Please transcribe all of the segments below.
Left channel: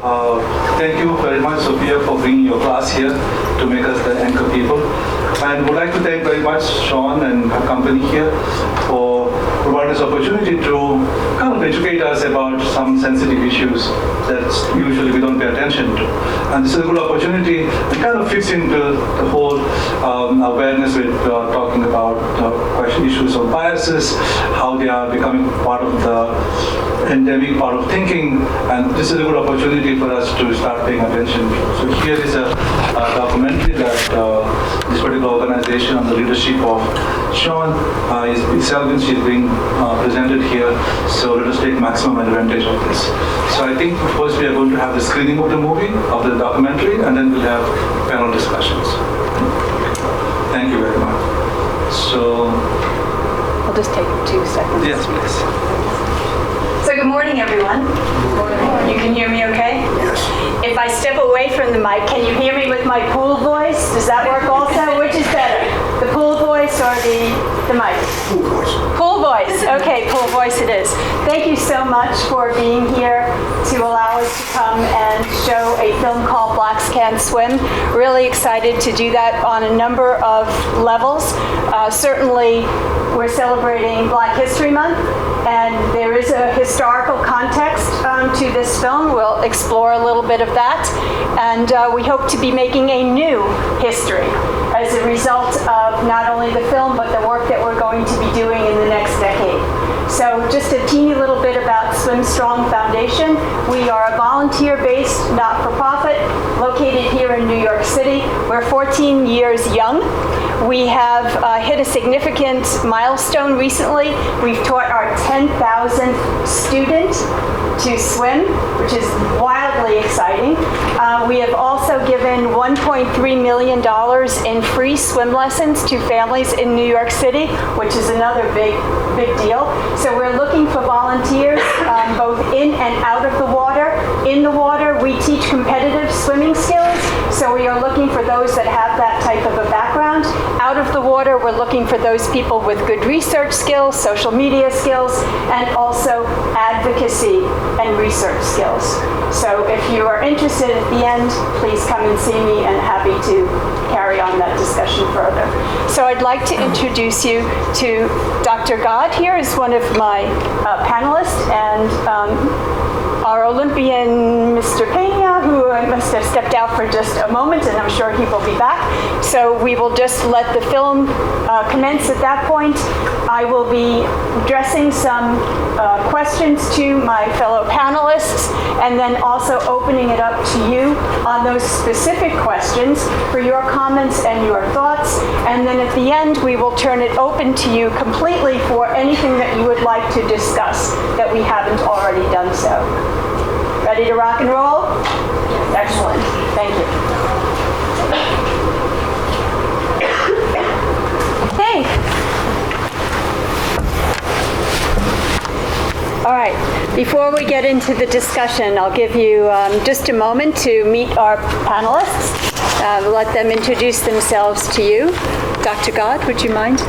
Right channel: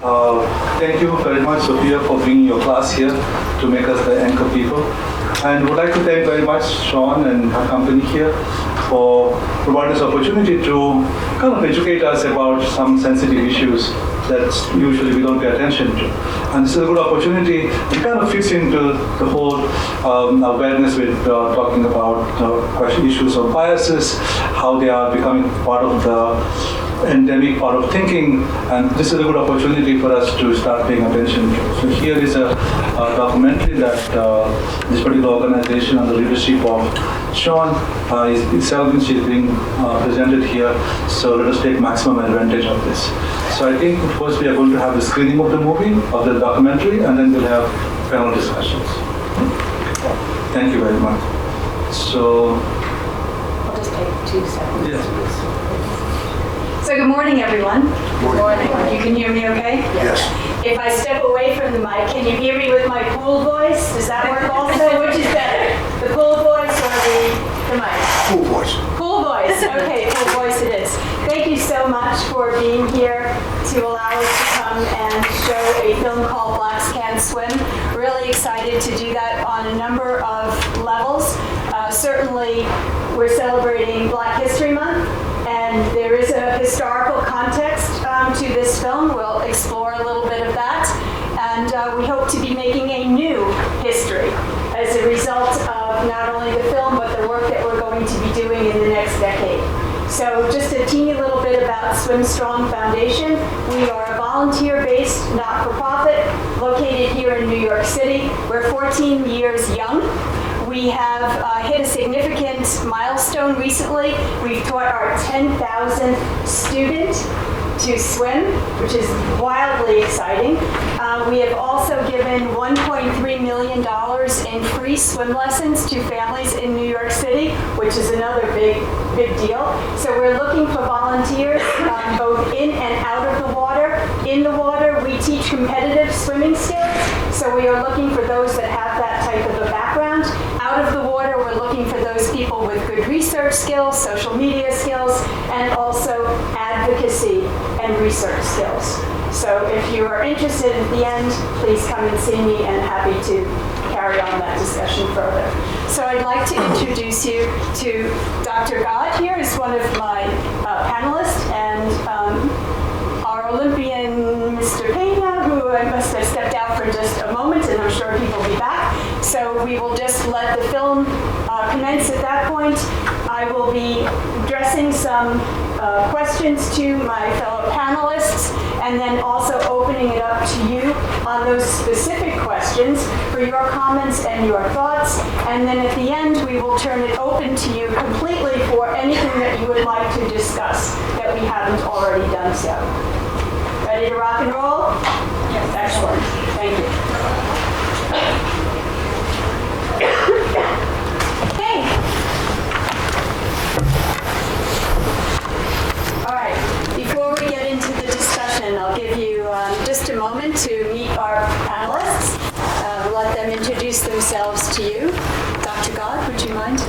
Thank you very much, Sophia, for bringing your class here to make us the anchor people. And would like to thank very much Sean and her company here for providing this opportunity to kind of educate us about some sensitive issues that usually we don't pay attention to. And this is a good opportunity. It kind of fits into the whole awareness with talking about issues of biases, how they are becoming part of the endemic part of thinking, and this is a good opportunity for us to start paying attention to. So here is a documentary that this particular organization under the leadership of Sean she's being presented here, so let us take maximum advantage of this. So I think first we are going to have the screening of the movie, of the documentary, and then we'll have panel discussions. Thank you very much. So I'll just take 2 seconds. Yes, please. So good morning, everyone. Good morning. You can hear me okay? Yes. If I step away from the mic, can you hear me with my pool voice? Does that work also? Which is better, the pool voice or the mic? Pool voice. Pool voice. Okay, pool voice it is. Thank you so much for being here to allow us to come and show a film called Blacks Can't Swim. Really excited to do that on a number of levels. Certainly, we're celebrating Black History Month, and there is a historical context to this film. We'll explore a little bit of that, and we hope to be making a new history as a result of not only the film, but the work that we're going to be doing in the next decade. So just a teeny little bit about Swim Strong Foundation. We are a volunteer-based, not-for-profit, located here in New York City. We're 14 years young. We have hit a significant milestone recently. We've taught our 10,000th student to swim, which is wildly exciting. We have also given $1.3 million in free swim lessons to families in New York City, which is another big deal. So we're looking for volunteers both in and out of the water. In the water, we teach competitive swimming skills, so we are looking for those that have that type of a background. Out of the water, we're looking for those people with good research skills, social media skills, and also advocacy and research skills. So if you are interested at the end, please come and see me, and happy to carry on that discussion further. So I'd like to introduce you to Dr. God here is one of my panelists, and our Olympian Mr. Pena, who I must have stepped out for just a moment, and I'm sure he will be back. So we will just let the film commence at that point. I will be addressing some questions to my fellow panelists, and then also opening it up to you on those specific questions for your comments and your thoughts. And then at the end, we will turn it open to you completely for anything that you would like to discuss that we haven't already done so. Ready to rock and roll? Yes. Excellent. Thank you. Hey. All right. Before we get into the discussion, I'll give you just a moment to meet our panelists. Let them introduce themselves to you. Dr. God, would you mind?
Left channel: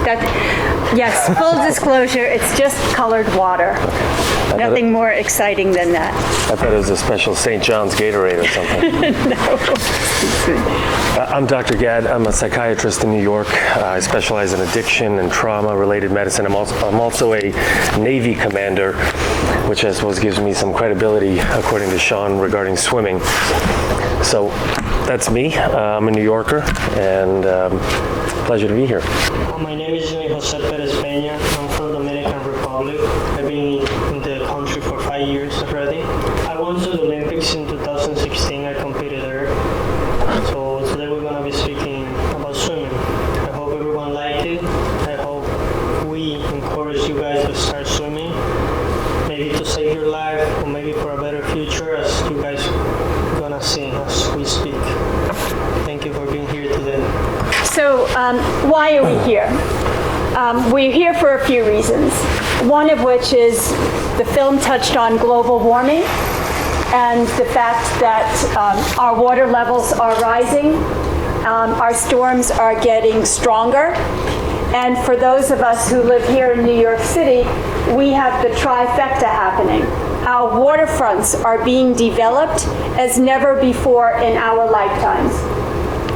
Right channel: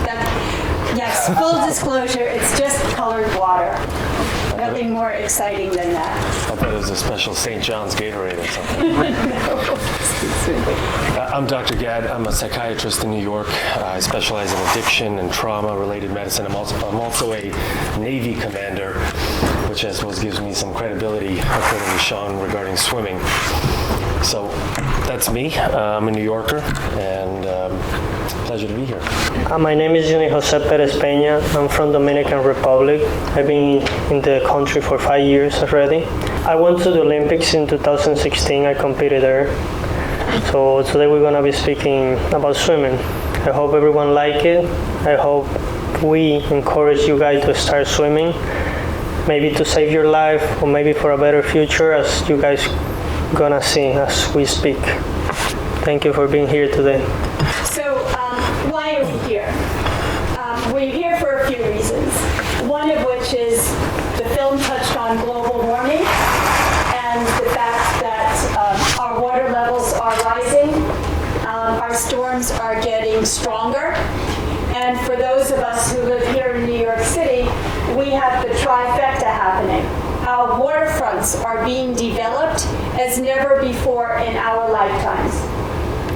Yes, full disclosure, it's just colored water. Nothing more exciting than that. I thought it was a special St. John's Gatorade or something. No. I'm Dr. Gad. I'm a psychiatrist in New York. I specialize in addiction and trauma-related medicine. I'm also a Navy commander, which I suppose gives me some credibility, according to Sean, regarding swimming. So that's me. I'm a New Yorker, and pleasure to be here. My name is Junior Jose Perez Peña. I'm from Dominican Republic. I've been in the country for 5 years already. I went to the Olympics in 2016. I competed there. So today we're going to be speaking about swimming. I hope everyone like it. I hope we encourage you guys to start swimming, maybe to save your life or maybe for a better future, as you guys gonna see as we speak. Thank you for being here today. So why are we here? We're here for a few reasons. One of which is the film touched on global warming and the fact that our water levels are rising, our storms are getting stronger, and for those of us who live here in New York City, we have the trifecta happening. Our waterfront fronts are being developed as never before in our lifetimes.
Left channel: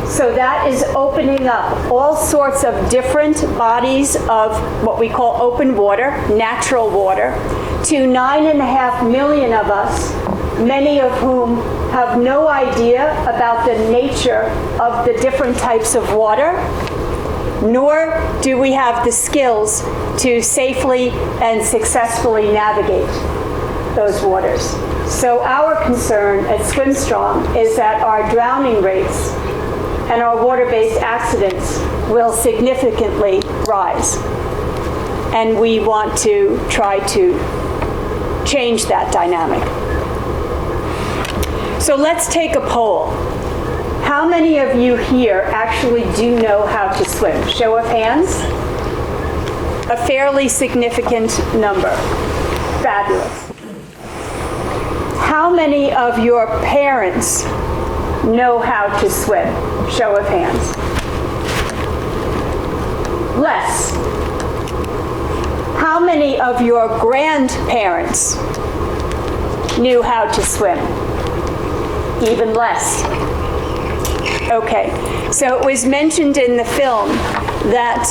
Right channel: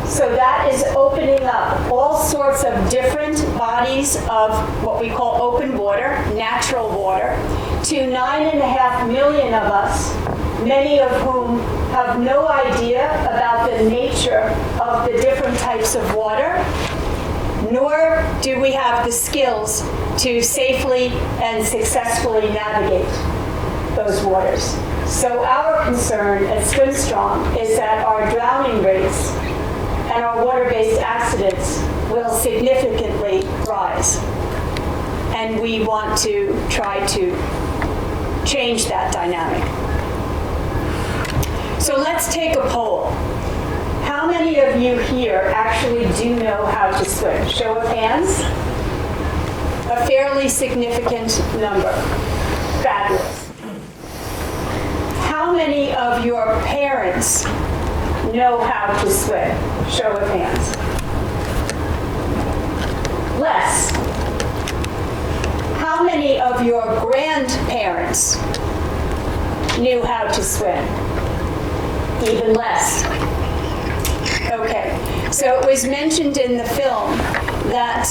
So that is opening up all sorts of different bodies of what we call open water, natural water, to 9.5 million of us, many of whom have no idea about the nature of the different types of water, nor do we have the skills to safely and successfully navigate those waters. So our concern at Swim Strong is that our drowning rates and our water-based accidents will significantly rise. And we want to try to change that dynamic. So let's take a poll. How many of you here actually do know how to swim? Show of hands. A fairly significant number. Fabulous. How many of your parents know how to swim? Show of hands. Less. How many of your grandparents knew how to swim? Even less. Okay, so it was mentioned in the film that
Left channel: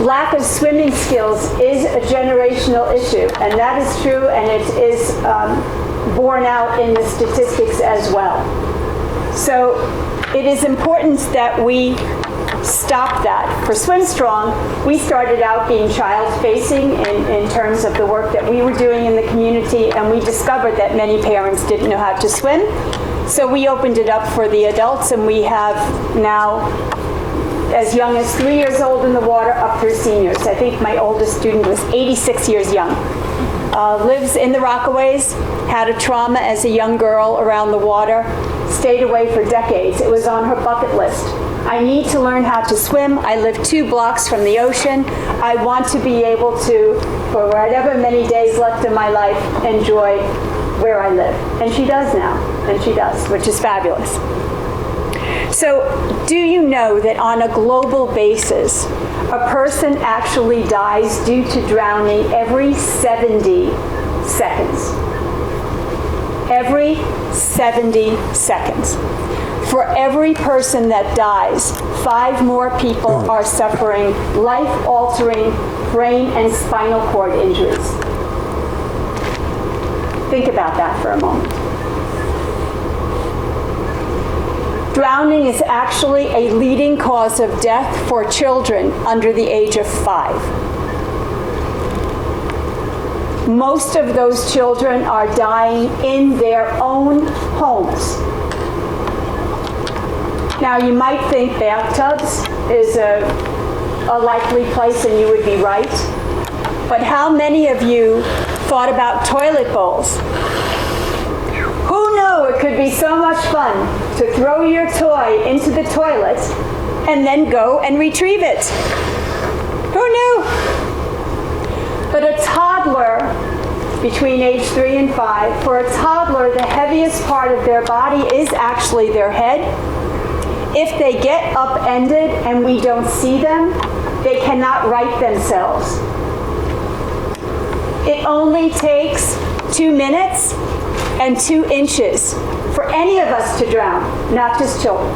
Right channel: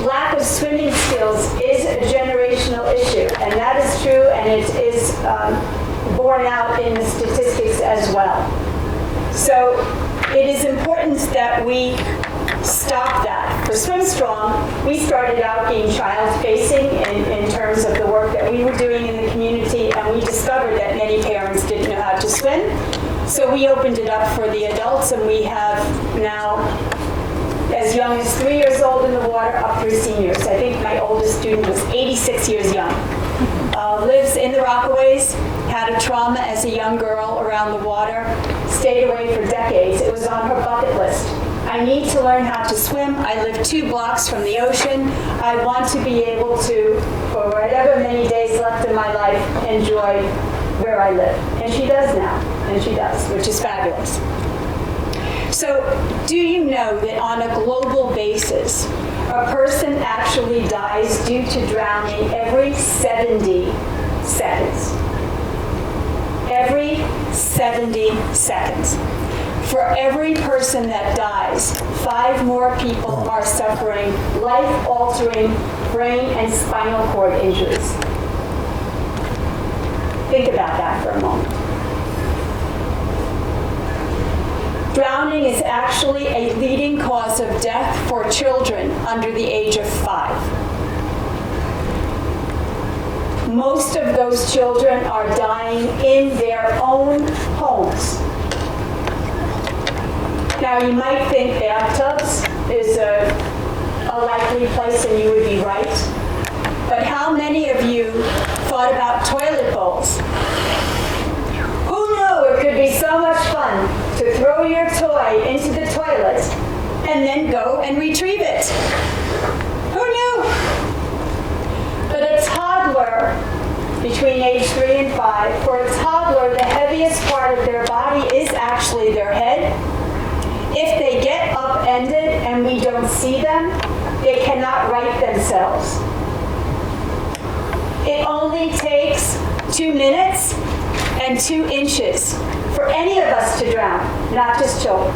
lack of swimming skills is a generational issue, and that is true, and it is borne out in the statistics as well. So it is important that we stop that. For Swim Strong, we started out being child-facing in terms of the work that we were doing in the community, and we discovered that many parents didn't know how to swim. So we opened it up for the adults, and we have now as young as 3 years old in the water up through seniors. I think my oldest student was 86 years young. Lives in the Rockaways, had a trauma as a young girl around the water, stayed away for decades. It was on her bucket list. I need to learn how to swim. I live 2 blocks from the ocean. I want to be able to, for whatever many days left in my life, enjoy where I live. And she does now, and she does, which is fabulous. So do you know that on a global basis, a person actually dies due to drowning every 70 seconds? Every 70 seconds. For every person that dies, 5 more people are suffering life-altering brain and spinal cord injuries. Think about that for a moment. Drowning is actually a leading cause of death for children under the age of 5. Most of those children are dying in their own homes. Now, you might think bathtubs is a likely place, and you would be right. But how many of you thought about toilet bowls? Who knew it could be so much fun to throw your toy into the toilet and then go and retrieve it? Who knew? But a toddler between age 3 and 5, for a toddler, the heaviest part of their body is actually their head. If they get upended and we don't see them, they cannot right themselves. It only takes 2 minutes and 2 inches for any of us to drown, not just children.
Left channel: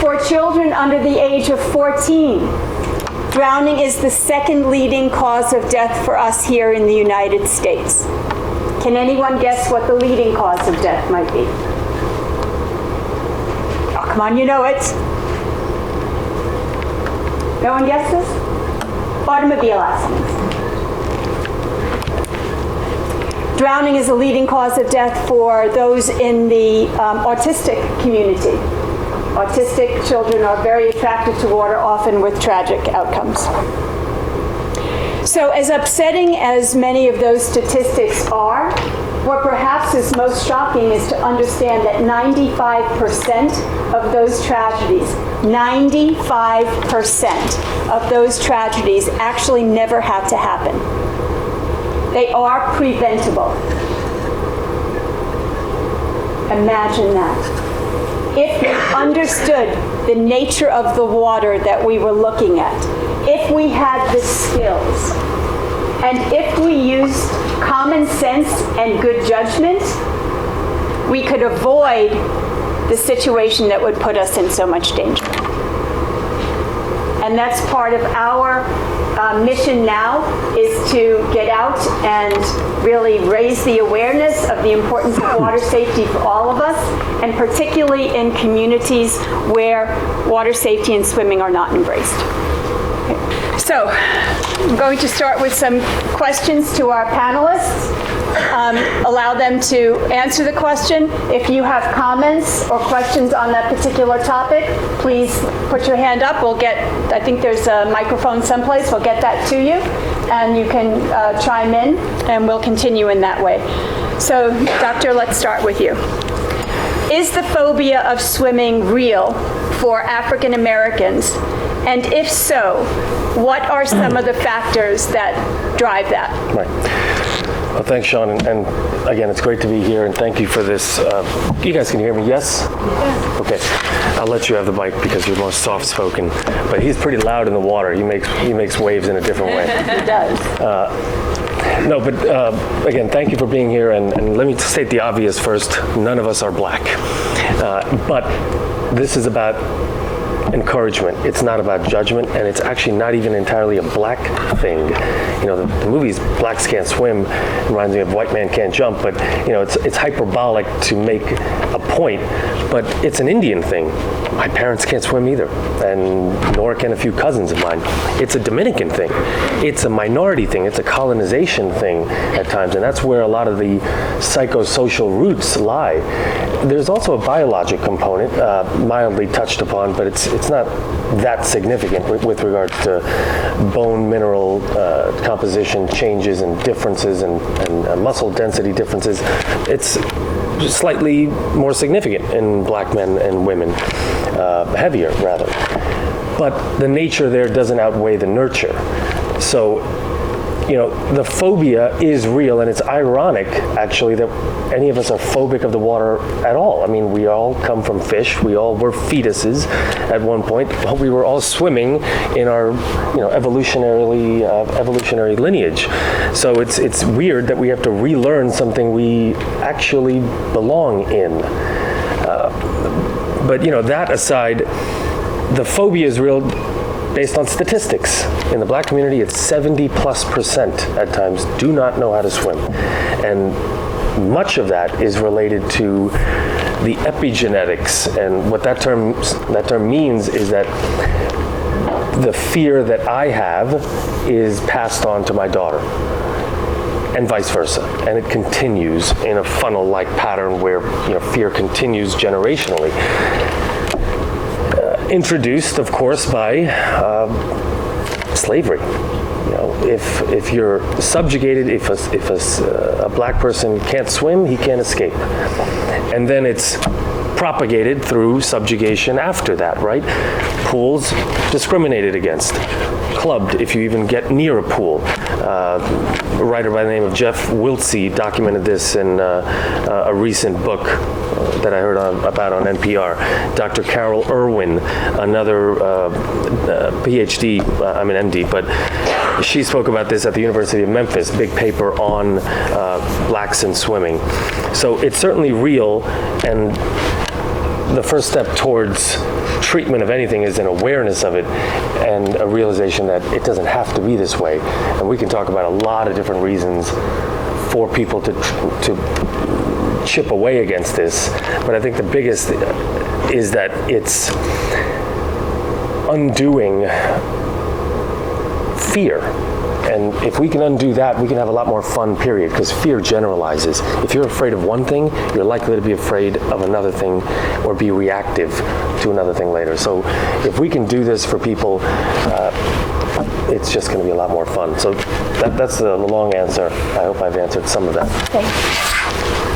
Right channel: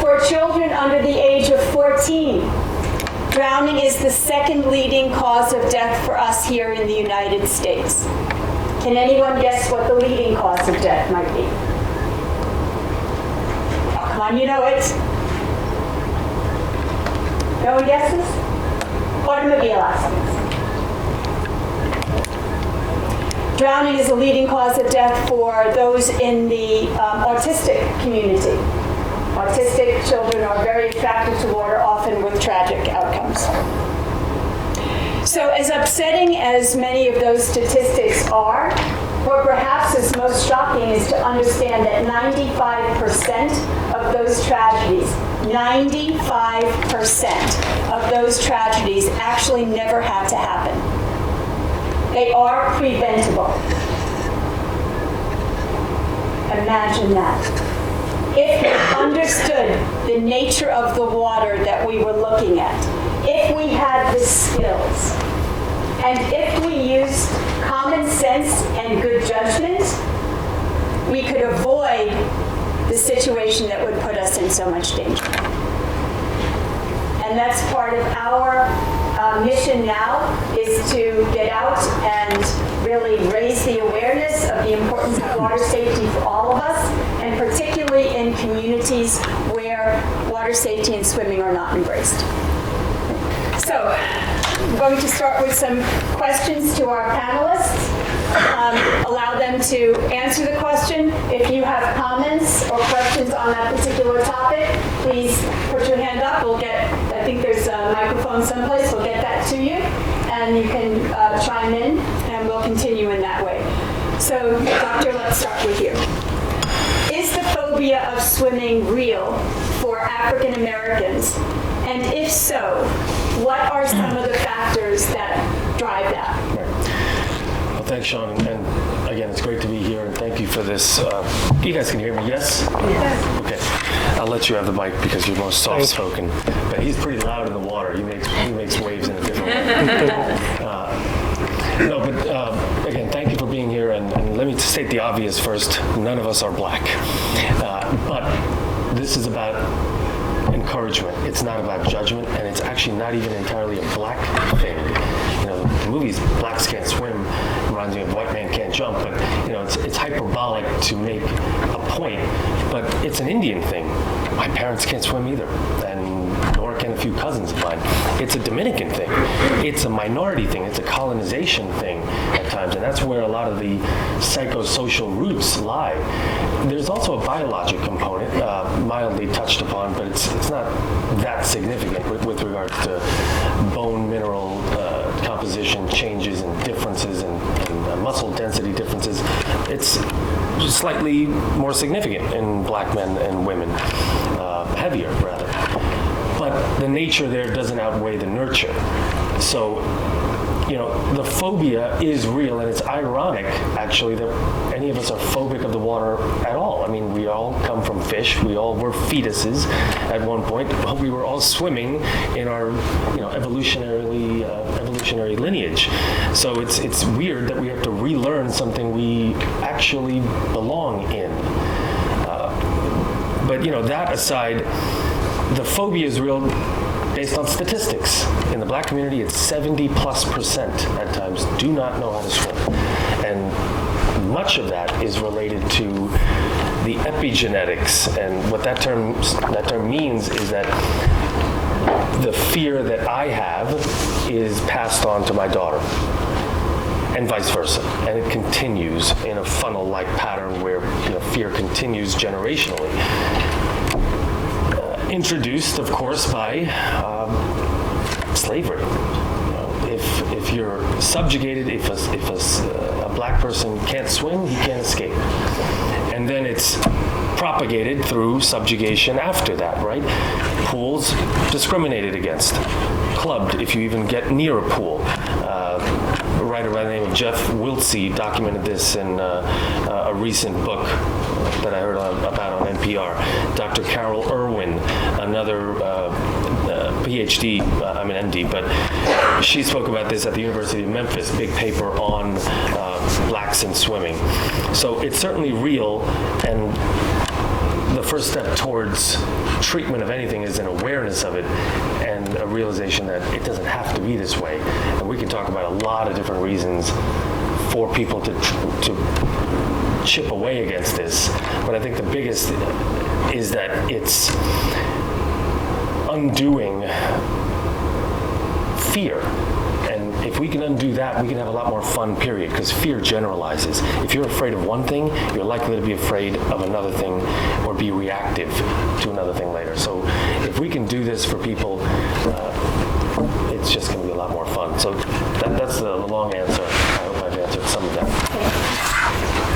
For children under the age of 14, drowning is the 2nd leading cause of death for us here in the United States. Can anyone guess what the leading cause of death might be? Oh, come on, you know it. No one guesses? Automobile accidents. Drowning is the leading cause of death for those in the autistic community. Autistic children are very attracted to water, often with tragic outcomes. So as upsetting as many of those statistics are, what perhaps is most shocking is to understand that 95% of those tragedies, 95% of those tragedies actually never had to happen. They are preventable. Imagine that. If we understood the nature of the water that we were looking at, if we had the skills, and if we used common common sense and good judgment, we could avoid the situation that would put us in so much danger. And that's part of our mission now, is to get out and really raise the awareness of the importance of water safety for all of us, and particularly in communities where water safety and swimming are not embraced. So, I'm going to start with some questions to our panelists. Allow them to answer the question. If you have comments or questions on that particular topic, please put your hand up. We'll get, I think there's a microphone someplace, we'll get that to you, and you can chime in, and we'll continue in that way. So, Doctor, let's start with you. Is the phobia of swimming real for African Americans? And if so, what are some of the factors that drive that? Right. Well, thanks, Sean, and again, it's great to be here, and thank you for this. You guys can hear me, yes? Yes. Okay. I'll let you have the mic because you're more soft-spoken, but he's pretty loud in the water. He makes waves in a different way. He does. No, but again, thank you for being here, and let me state the obvious first. None of us are black. But this is about encouragement. It's not about judgment, and it's actually not even entirely a black thing. You know, the movie's Blacks Can't Swim reminds me of White Man Can't Jump, but you know, it's hyperbolic to make a point, but it's an Indian thing. My parents can't swim either, and nor can a few cousins of mine. It's a Dominican thing. It's a minority thing. It's a colonization thing at times, and that's where a lot of the psychosocial roots lie. There's also a biologic component, mildly touched upon, but it's not that significant with regard to bone mineral composition changes and differences and muscle density differences. It's slightly more significant in black men and women, heavier rather. But the nature there doesn't outweigh the nurture. So, you know, the phobia is real, and it's ironic, actually, that any of us are phobic of the water at all. I mean, we all come from fish. We all were fetuses at one point. But we were all swimming in our, you know, evolutionary lineage. So it's weird that we have to relearn something we actually belong in. But, you know, that aside, the phobia is real based on statistics. In the black community, it's 70+% at times do not know how to swim. And much of that is related to the epigenetics. And what that term means is that the fear that I have is passed on to my daughter, and vice versa. And it continues in a funnel-like pattern where, you know, fear continues generationally. Introduced, of course, by slavery. You know, if you're subjugated, if a black person can't swim, he can't escape. And then it's propagated through subjugation after that, right? Pools discriminated against, clubbed if you even get near a pool. A writer by the name of Jeff Wiltsey documented this in a recent book that I heard about on NPR. Dr. Carol Irwin, another PhD, I'm an MD, but she spoke about this at the University of Memphis, big paper on blacks in swimming. So it's certainly real, and the first step towards treatment of anything is an awareness of it and a realization that it doesn't have to be this way. And we can talk about a lot of different reasons for people to chip away against this, but I think the biggest is that it's undoing fear. And if we can undo that, we can have a lot more fun, period, because fear generalizes. If you're afraid of one thing, you're likely to be afraid of another thing or be reactive to another thing later. So if we can do this for people, it's just going to be a lot more fun. So that's the long answer. I hope I've answered some of that. Okay.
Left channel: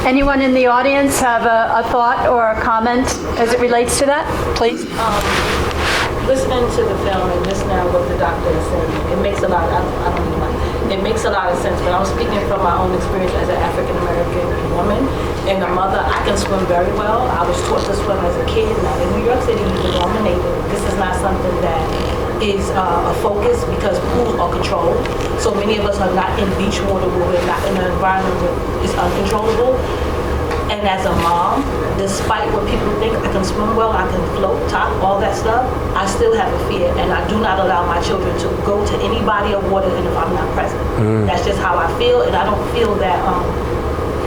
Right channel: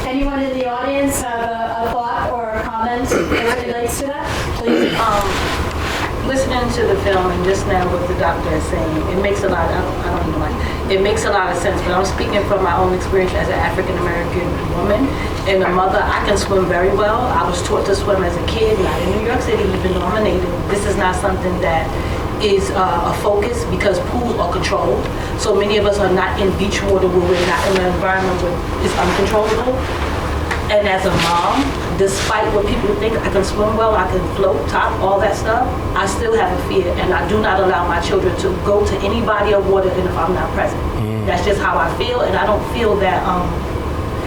Anyone in the audience have a thought or a comment as it relates to that? Please. Listening to the film and just now what the doctor is saying, it makes a lot of, I don't even mind, it makes a lot of sense, but I'm speaking from my own experience as an African-American woman and a mother. I can swim very well. I was taught to swim as a kid, not in New York City, even though I'm a native. This is not something that is a focus because pools are controlled. So many of us are not in beach water where we're not in an environment where it's uncontrollable. And as a mom, despite what people think, I can swim well, I can float, top, all that stuff, I still have a fear, and I do not allow my children to go to any body of water if I'm not present. That's just how I feel, and I don't feel that,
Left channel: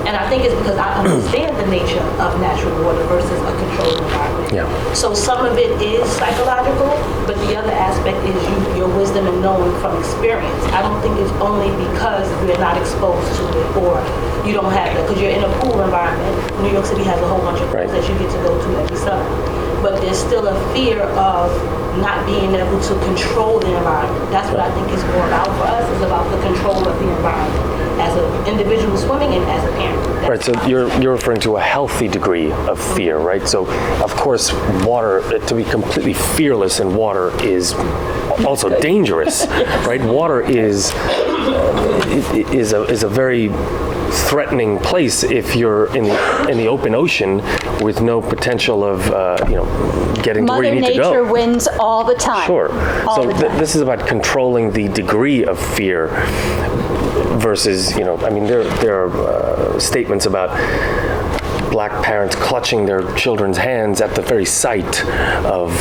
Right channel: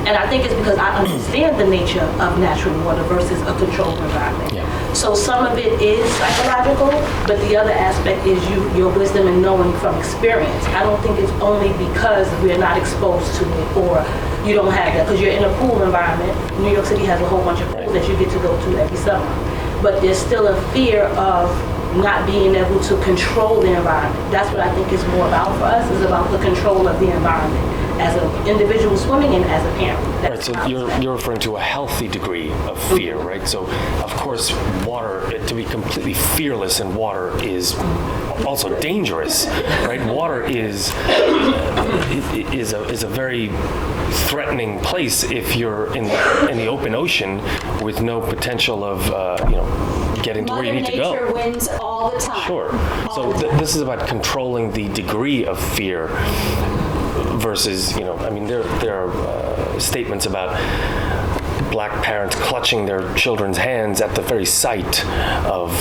and I think it's because I understand the nature of natural water versus a controlled environment. Yeah. So some of it is psychological, but the other aspect is your wisdom and knowing from experience. I don't think it's only because we're not exposed to it or you don't have that, because you're in a pool environment. New York City has a whole bunch of pools that you get to go to every summer. But there's still a fear of not being able to control the environment. That's what I think is more about for us, is about the control of the environment as an individual swimming and as a parent. Right, so you're referring to a healthy degree of fear, right? So, of course, water, to be completely fearless in water is also dangerous, right? Water is a very threatening place if you're in the open ocean with no potential of getting to where you need to go. Mother Nature wins all the time. Sure. So this is about controlling the degree of fear versus, there are statements about black parents clutching their children's hands at the very sight of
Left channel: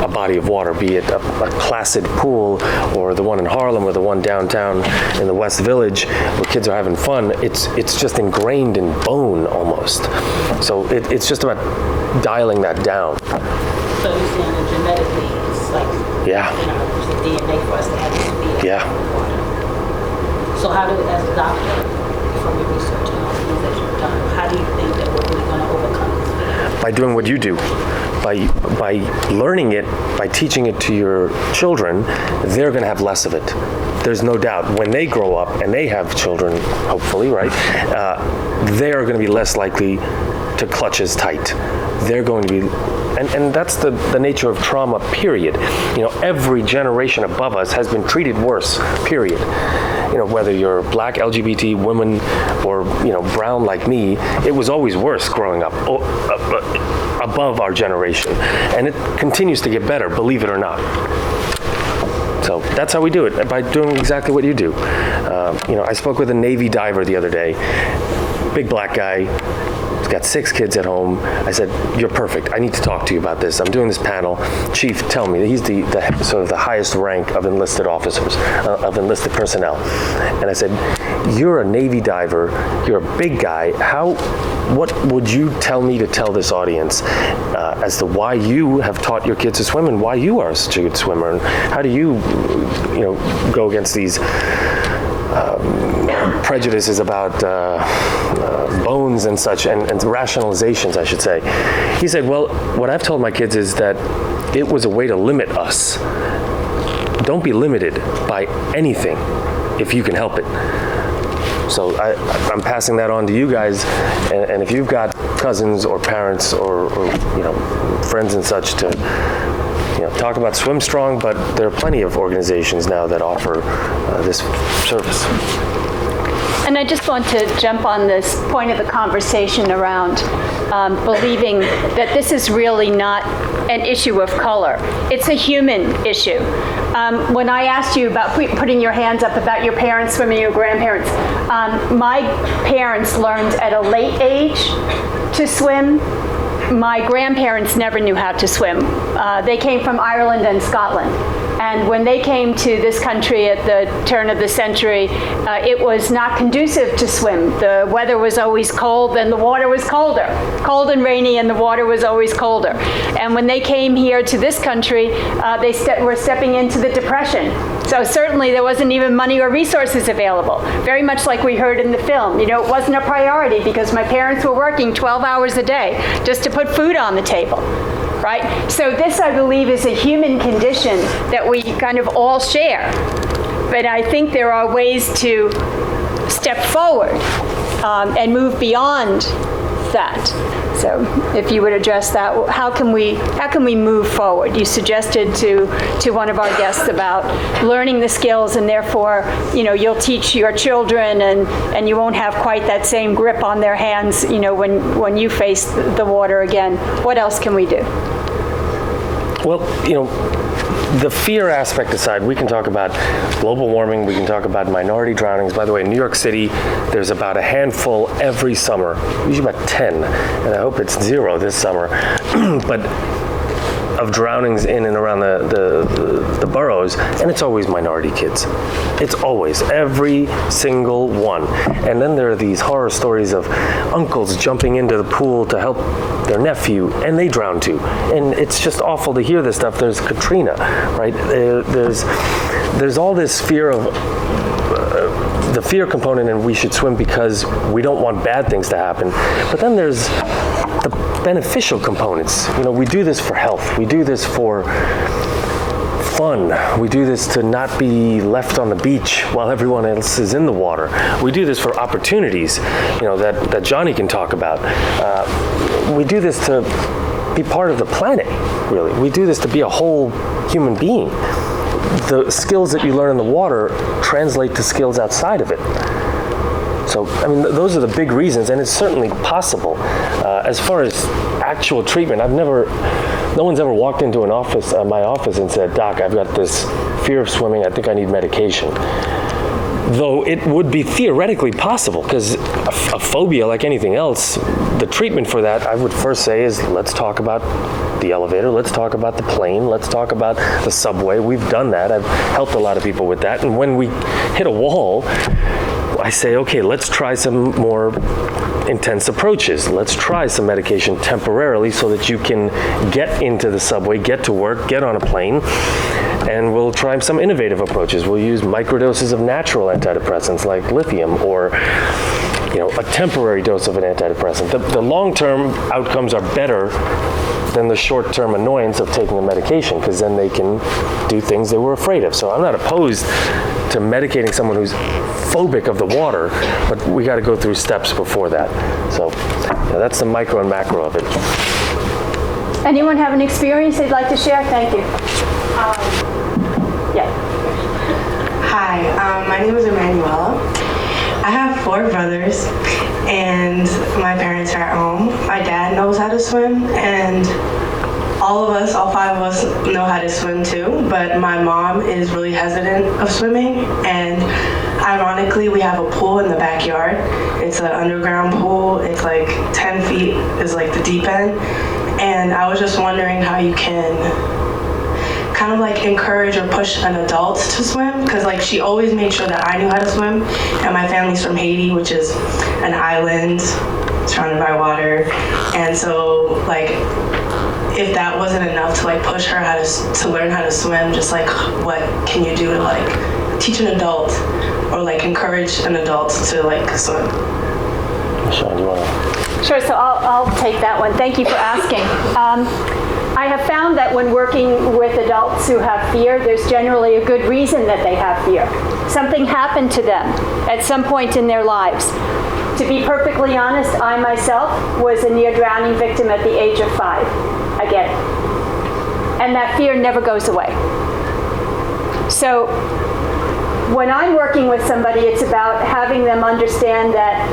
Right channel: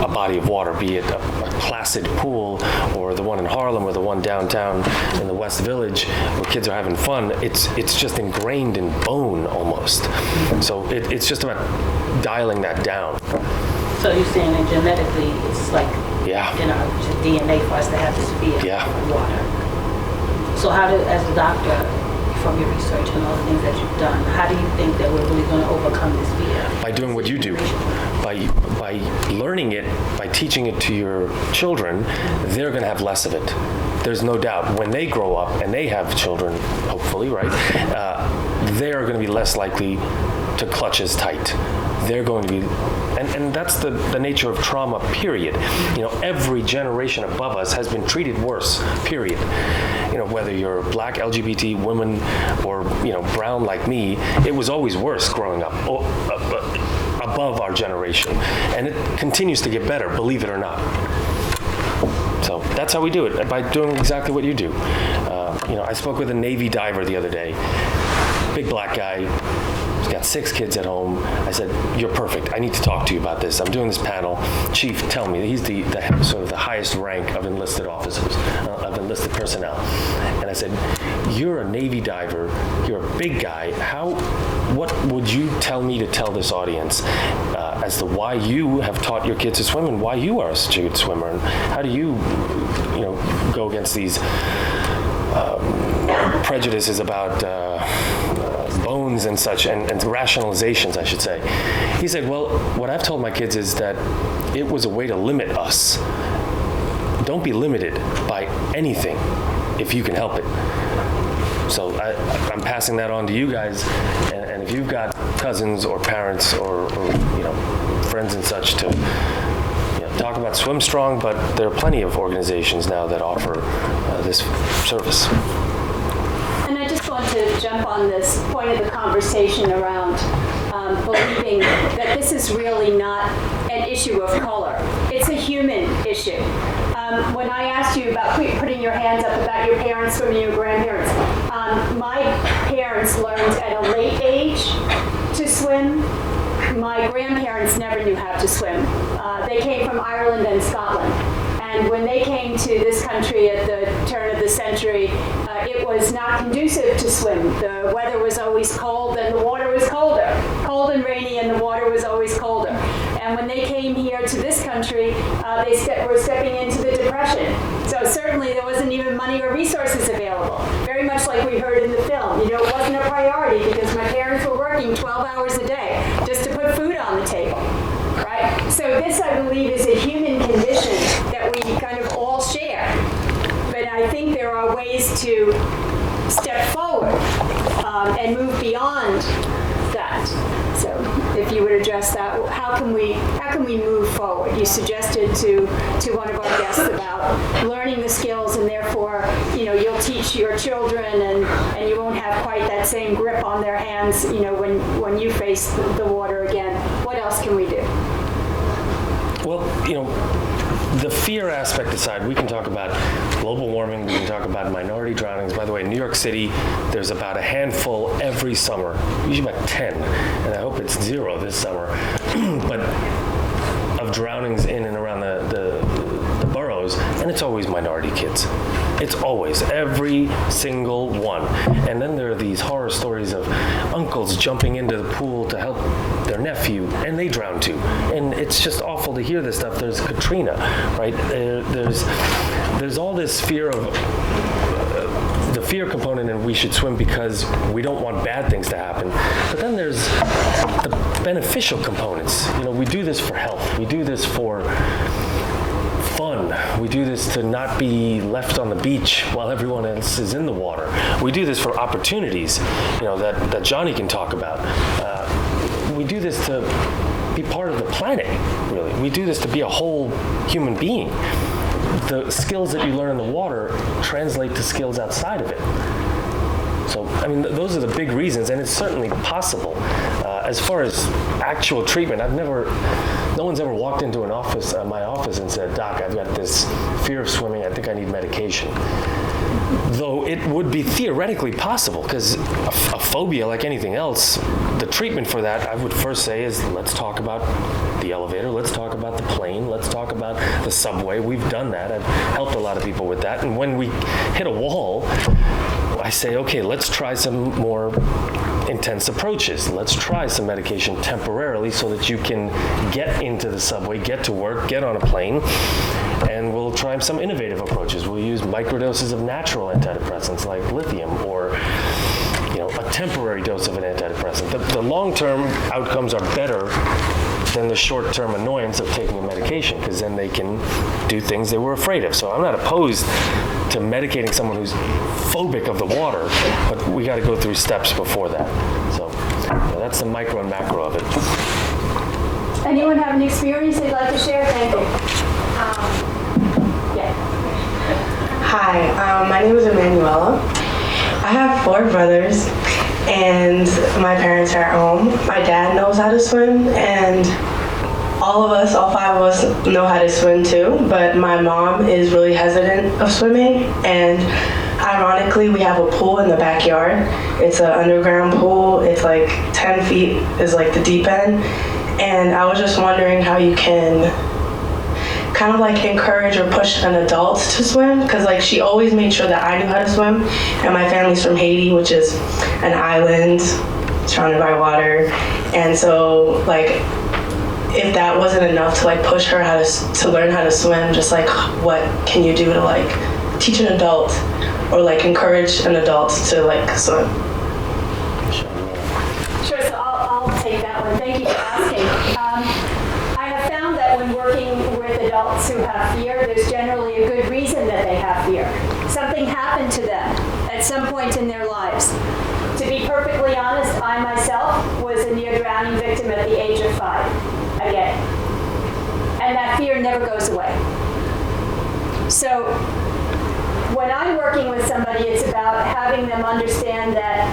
a body of water, be it a placid pool or the one in Harlem or the one downtown in the West Village where kids are having fun. It's just ingrained in bone almost. So it's just about dialing that down. So you're saying that genetically it's like, it's DNA for us to have this fear of water. So how did, as a doctor, from your research and all the things that you've done, how do you think that we're really going to overcome this? By doing what you do. By learning it, by teaching it to your children, they're going to have less of it. There's no doubt. When they grow up and they have children, hopefully, right, they are going to be less likely to clutch as tight. They're going to be, and that's the nature of trauma, period. Every generation above us has been treated worse, period. Whether you're black, LGBT, woman, or, brown like me, it was always worse growing up, above our generation. And it continues to get better, believe it or not. So that's how we do it, by doing exactly what you do. I spoke with a Navy diver the other day, big black guy. He's got 6 kids at home. I said, "You're perfect. I need to talk to you about this. I'm doing this panel. Chief, tell me." He's the sort of the highest rank of enlisted officers, of enlisted personnel. And I said, "You're a Navy diver. You're a big guy. What would you tell me to tell this audience as to why you have taught your kids to swim and why you are such a good swimmer? And how do you, go against these prejudices about bones and such, and rationalizations, I should say?" He said, "Well, what I've told my kids is that it was a way to limit us. Don't be limited by anything if you can help it." So I'm passing that on to you guys, and if you've got cousins or parents or friends and such to talk about Swim Strong, but there are plenty of organizations now that offer this service. And I just want to jump on this point of the conversation around believing that this is really not an issue of color. It's a human issue. When I asked you about putting your hands up about your parents swimming, your grandparents, my parents learned at a late age to swim. My grandparents never knew how to swim. They came from Ireland and Scotland. And when they came to this country at the turn of the century, it was not conducive to swim. The weather was always cold and the water was colder. Cold and rainy and the water was always colder. And when they came here to this country, they were stepping into the Depression. So certainly there wasn't even money or resources available. Very much like we heard in the film. It wasn't a priority because my parents were working 12 hours a day just to put food on the table. Right? So this, I believe, is a human condition that we kind of all share. But I think there are ways to step forward and move beyond that. So if you would address that, how can we move forward? You suggested to one of our guests about learning the skills, and therefore, you'll teach your children, and you won't have quite that same grip on their hands, when you face the water again. What else can we do? Well, the fear aspect aside, we can talk about global warming, we can talk about minority drownings. By the way, in New York City, there's about a handful every summer, usually about 10, and I hope it's 0 this summer, but of drownings in and around the boroughs, and it's always minority kids. It's always, every single one. And then there are these horror stories of uncles jumping into the pool to help their nephew, and they drown too. And it's just awful to hear this stuff. There's Katrina, right? There's all this fear of, the fear component, and we should swim because we don't want bad things to happen. But then there's the beneficial components. You know, we do this for health. We do this for fun. We do this to not be left on the beach while everyone else is in the water. We do this for opportunities, you know, that Johnny can talk about. We do this to be part of the planet, really. We do this to be a whole human being. The skills that you learn in the water translate to skills outside of it. So, I mean, those are the big reasons, and it's certainly possible. As far as actual treatment, no one's ever walked into my office and said, "Doc, I've got this fear of swimming, I think I need medication." Though it would be theoretically possible, because a phobia, like anything else, the treatment for that, I would first say, is let's talk about the elevator, let's talk about the plane, let's talk about the subway. We've done that. I've helped a lot of people with that. And when we hit a wall, I say, okay, let's try some more intense approaches. Let's try some medication temporarily so that you can get into the subway, get to work, get on a plane, and we'll try some innovative approaches. We'll use microdoses of natural antidepressants like lithium, or a temporary dose of an antidepressant. The long-term outcomes are better than the short-term annoyance of taking a medication, because then they can do things they were afraid of. So I'm not opposed to medicating someone who's phobic of the water, but we got to go through steps before that. So that's the micro and macro of it. Anyone have an experience they'd like to share? Thank you. Yeah. Hi, my name is Emanuela. I have 4 brothers, and my parents are at home. My dad knows how to swim, and all 5 of us know how to swim too, but my mom is really hesitant of swimming, and ironically, we have a pool in the backyard. It's an underground pool. It's like 10 feet is like the deep end, and I was just wondering how you can kind of like encourage or push an adult to swim, because like she always made sure that I knew how to swim, and my family's from Haiti, which is an island surrounded by water, and so like if that wasn't enough to like push her to learn how to swim, just like what can you do to like teach an adult or like encourage an adult to like swim? Sean, you want to? Sure, so I'll take that one. Thank you for asking. I have found that when working with adults who have fear, there's generally a good reason that they have fear. Something happened to them at some point in their lives. To be perfectly honest, I myself was a near drowning victim at the age of 5, again. And that fear never goes away. So when I'm working with somebody, it's about having them understand that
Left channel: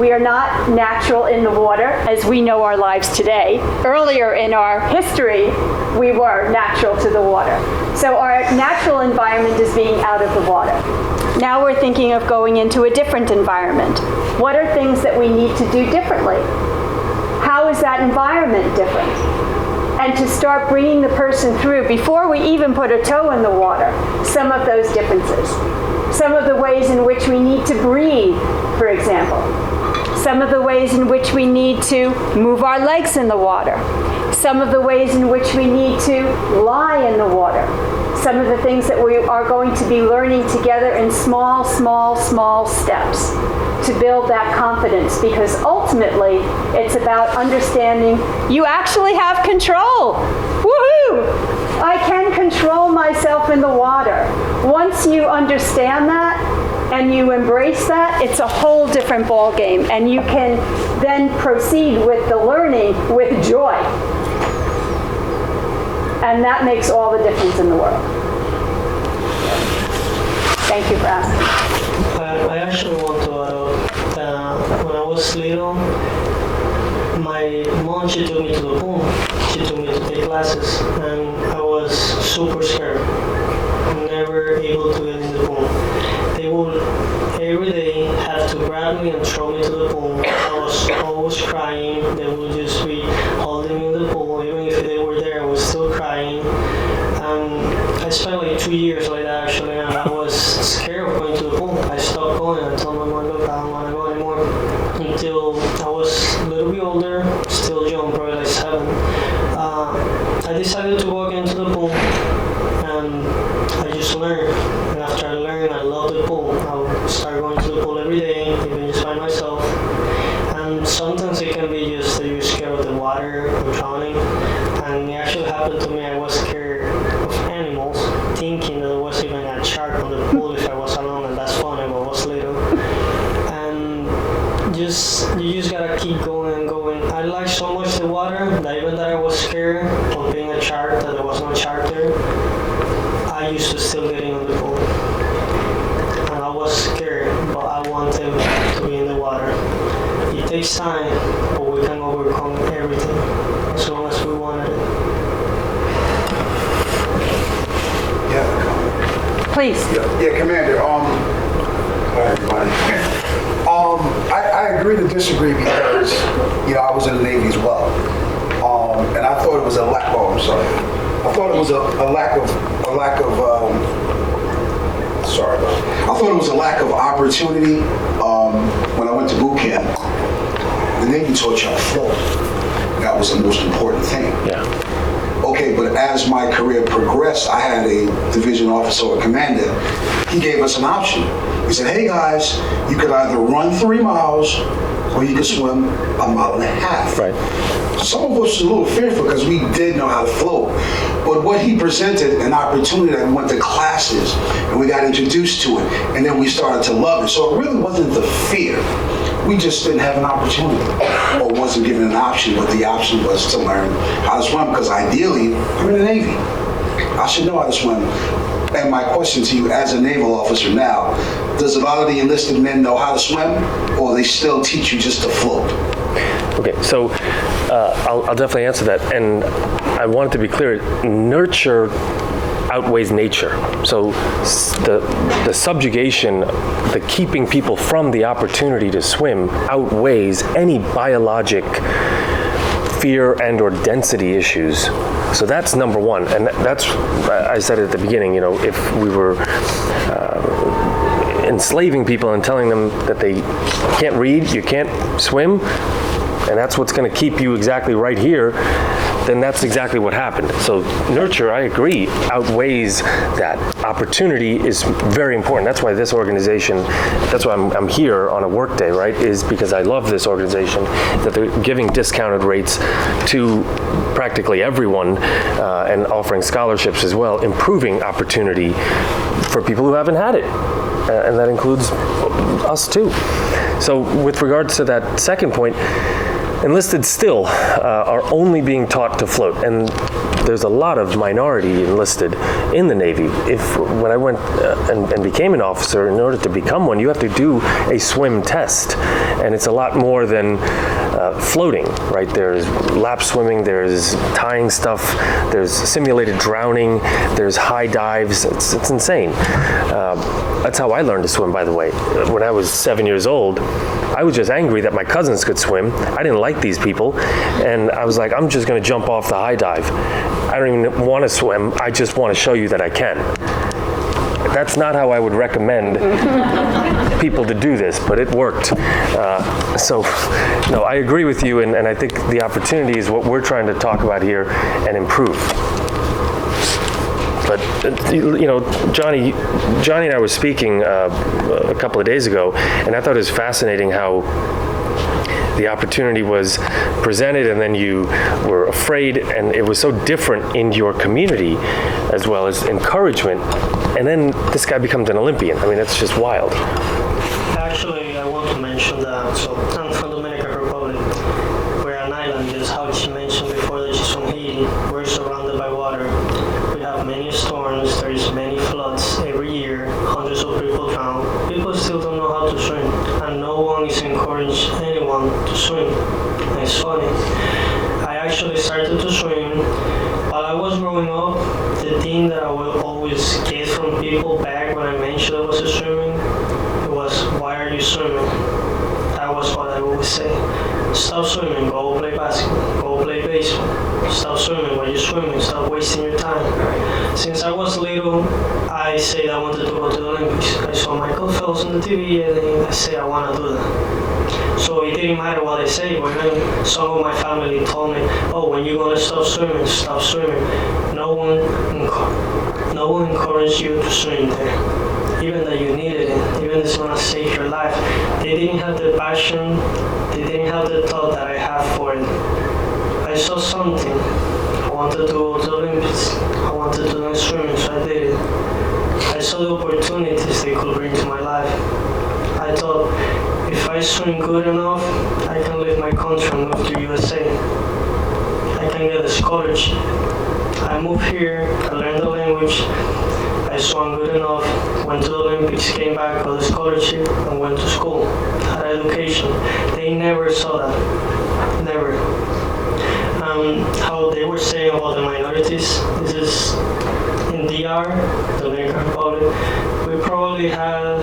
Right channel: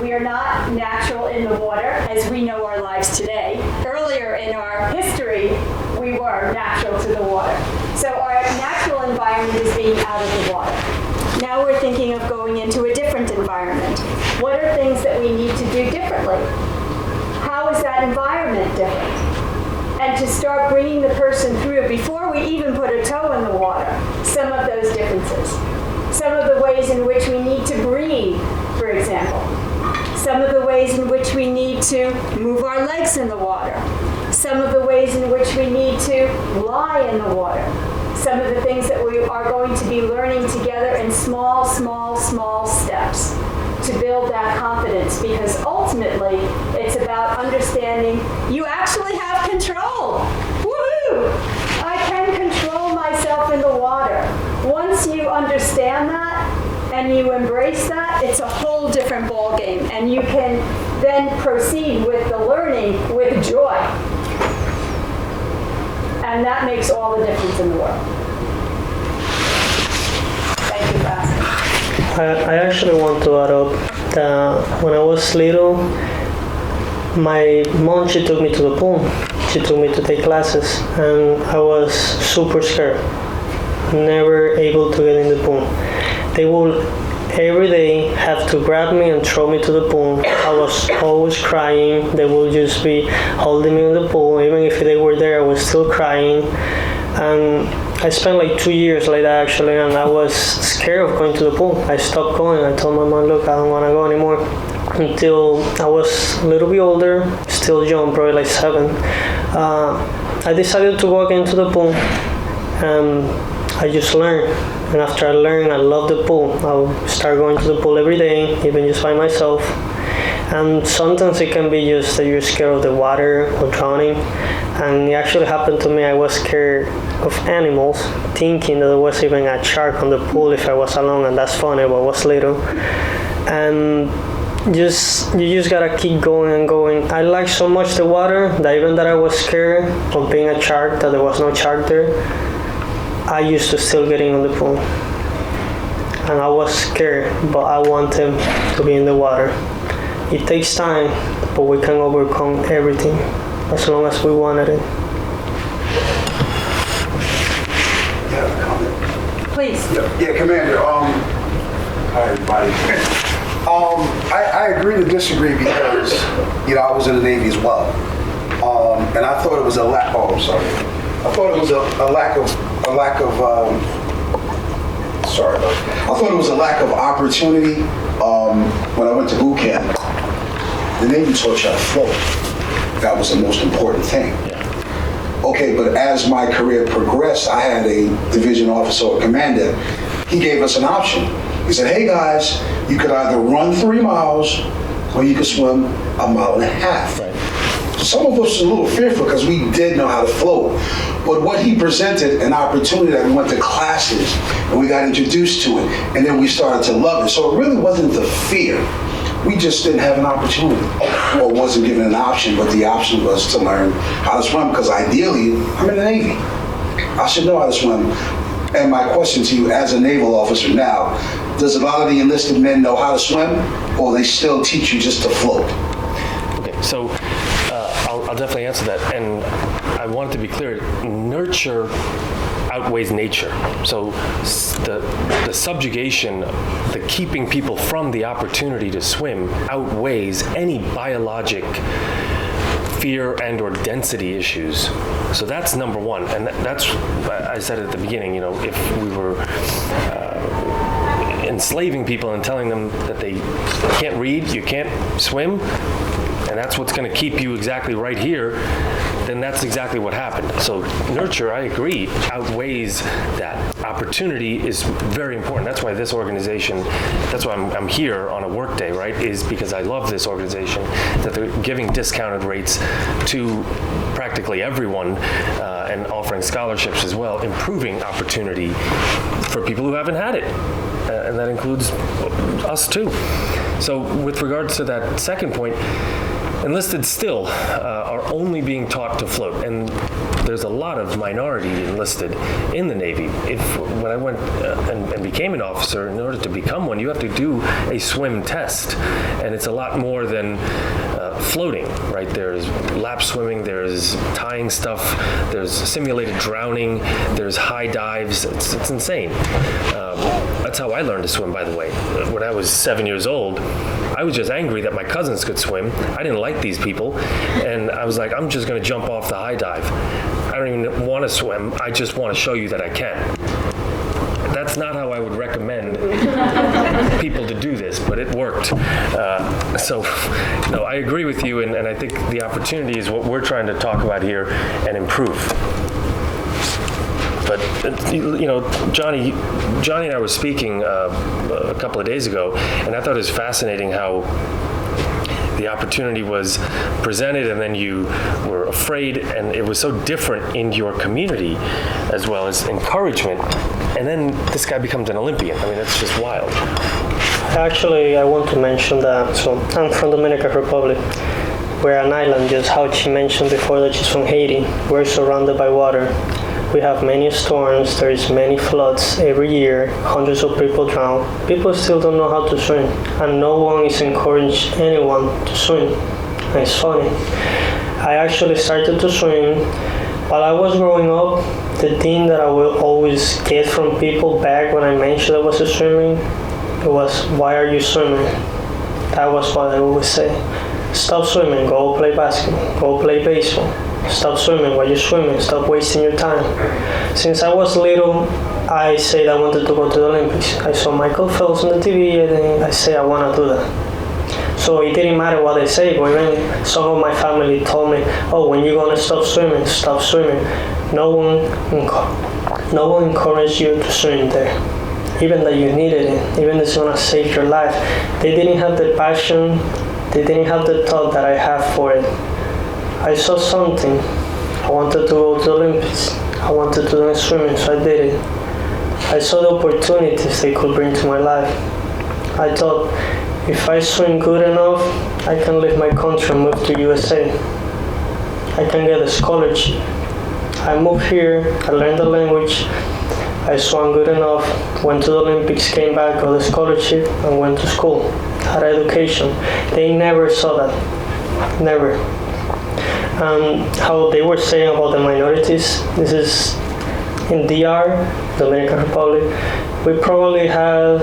we are not natural in the water as we know our lives today. Earlier in our history, we were natural to the water. So our natural environment is being out of the water. Now we're thinking of going into a different environment. What are things that we need to do differently? How is that environment different? And to start bringing the person through, before we even put a toe in the water, some of those differences. Some of the ways in which we need to breathe, for example. Some of the ways in which we need to move our legs in the water. Some of the ways in which we need to lie in the water. Some of the things that we are going to be learning together in small steps to build that confidence, because ultimately it's about understanding you actually have control. Woohoo! I can control myself in the water. Once you understand that and you embrace that, it's a whole different ball game, and you can then proceed with the learning with joy. And that makes all the difference in the world. Thank you for asking. I actually want to add up that when I was little, my mom, she took me to the pool. she took me to take classes, and I was super scared. Never able to get in the pool. They would every day have to grab me and throw me to the pool. I was always crying. They would just be holding me in the pool. Even if they were there, I was still crying. I spent like 2 years like that actually, and I was scared of going to the pool. I stopped going. I told my mom, look, I don't want to go anymore. Until I was a little bit older, still young, probably like 7. I decided to walk into the pool, and I just learned. And after I learned, I loved the pool. I'll start going to the pool every day, even just by myself. And sometimes it can be just that you're scared of the water or drowning. And it actually happened to me. I was scared of animals, thinking that there was even a shark on the pool if I was alone, and that's funny, but I was little. And you just gotta keep going and going. I liked so much the water that even that I was scared of being a shark, that there was no shark there, I used to still get in the pool. And I was scared, but I wanted to be in the water. It takes time, but we can overcome everything as long as we wanted it. Yeah, comment. Please. Yeah, Commander. Hi, everybody. I agree to disagree because, I was in the Navy as well. And I thought it was a lack. Oh, I'm sorry. I thought it was a lack of. Sorry about that. I thought it was a lack of opportunity when I went to boot camp. The Navy taught you how to float. That was the most important thing. Yeah. Okay, but as my career progressed, I had a division officer or commander. He gave us an option. He said, hey guys, you could either run 3 miles or you could swim 1.5 miles. Right. Some of us was a little fearful because we did know how to float. But what he presented, an opportunity that we went to classes and we got introduced to it, and then we started to love it. So it really wasn't the fear. We just didn't have an opportunity or wasn't given an option, but the option was to learn how to swim because ideally, I'm in the Navy. I should know how to swim. And my question to you as a naval officer now, does a lot of the enlisted men know how to swim or they still teach you just to float? Okay, so I'll definitely answer that. And I want it to be clear, nurture outweighs nature. So the subjugation, the keeping people from the opportunity to swim outweighs any biologic fear and or density issues. So that's number one. And that's, I said at the beginning, if we were enslaving people and telling them that they can't read, you can't swim, and that's what's going to keep you exactly right here, then that's exactly what happened. So nurture, I agree, outweighs that. Opportunity is very important. That's why this organization, that's why I'm here on a work day, right, is because I love this organization, that they're giving discounted rates to practically everyone and offering scholarships as well, improving opportunity for people who haven't had it. And that includes us too. So with regards to that second point, enlisted still are only being taught to float, and there's a lot of minority enlisted in the Navy. When I went and became an officer, in order to become one, you have to do a swim test, and it's a lot more than floating, right? There's lap swimming, there's tying stuff, there's simulated drowning, there's high dives. It's insane. That's how I learned to swim, by the way. When I was 7 years old, I was just angry that my cousins could swim. I didn't like these people, and I was like, I'm just going to jump off the high dive. I don't even want to swim. I just want to show you that I can. That's not how I would recommend people to do this, but it worked. No, I agree with you, and I think the opportunity is what we're trying to talk about here and improve. But, Johnny and I were speaking a couple of days ago, and I thought it was fascinating how the opportunity was presented and then you were afraid, and it was so different in your community as well as encouragement. And then this guy becomes an Olympian. I mean, that's just wild. Actually, I want to mention that. So I'm from Dominican Republic. We're an island, just how she mentioned before that she's from Haiti. We're surrounded by water. We have many storms, there's many floods every year, hundreds of people drown. People still don't know how to swim, and no one is encouraging anyone to swim. And it's funny. I actually started to swim. While I was growing up, the thing that I will always get from people back when I mentioned I was swimming, it was, why are you swimming? That was what I always say. Stop swimming, go play basketball, go play baseball. Stop swimming while you're swimming, stop wasting your time. Since I was little, I said I wanted to go to the Olympics. I saw Michael Phelps on the TV and then I said I want to do that. So it didn't matter what I say, but then some of my family told me, oh, when you're going to stop swimming, stop swimming. No one encouraged you to swim there. Even that you needed it, even it's going to save your life. They didn't have the passion, they didn't have the thought that I have for it. I saw something. I wanted to go to the Olympics. I wanted to learn swimming, so I did it. I saw the opportunities they could bring to my life. I thought, if I swim good enough, I can leave my country and move to USA. I can get a scholarship. I moved here, I learned the language, I swam good enough, went to the Olympics, came back, got a scholarship, and went to school, had education. They never saw that, never. How they were saying about the minorities, this is in DR, Dominican Republic, we probably have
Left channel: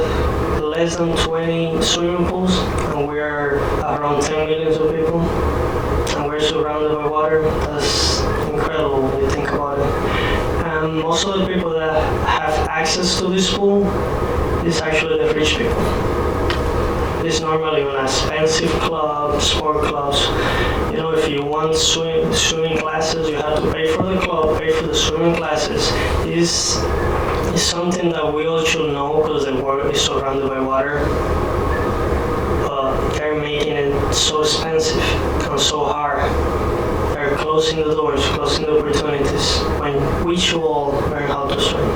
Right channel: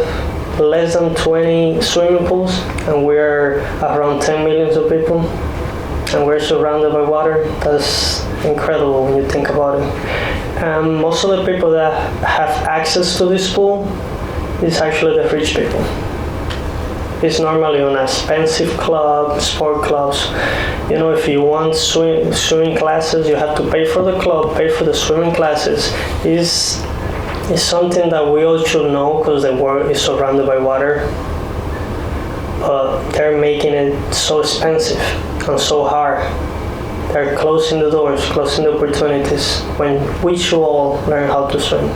less than 20 swimming pools, and we're around 10 million of people, and we're surrounded by water. That's incredible when you think about it. And most of the people that have access to this pool is actually the rich people. It's normally on expensive clubs, sport clubs. You know, if you want swimming classes, you have to pay for the club, pay for the swimming classes. It's something that we all should know because the world is surrounded by water. But they're making it so expensive and so hard. They're closing the doors, closing the opportunities when we should all learn how to swim,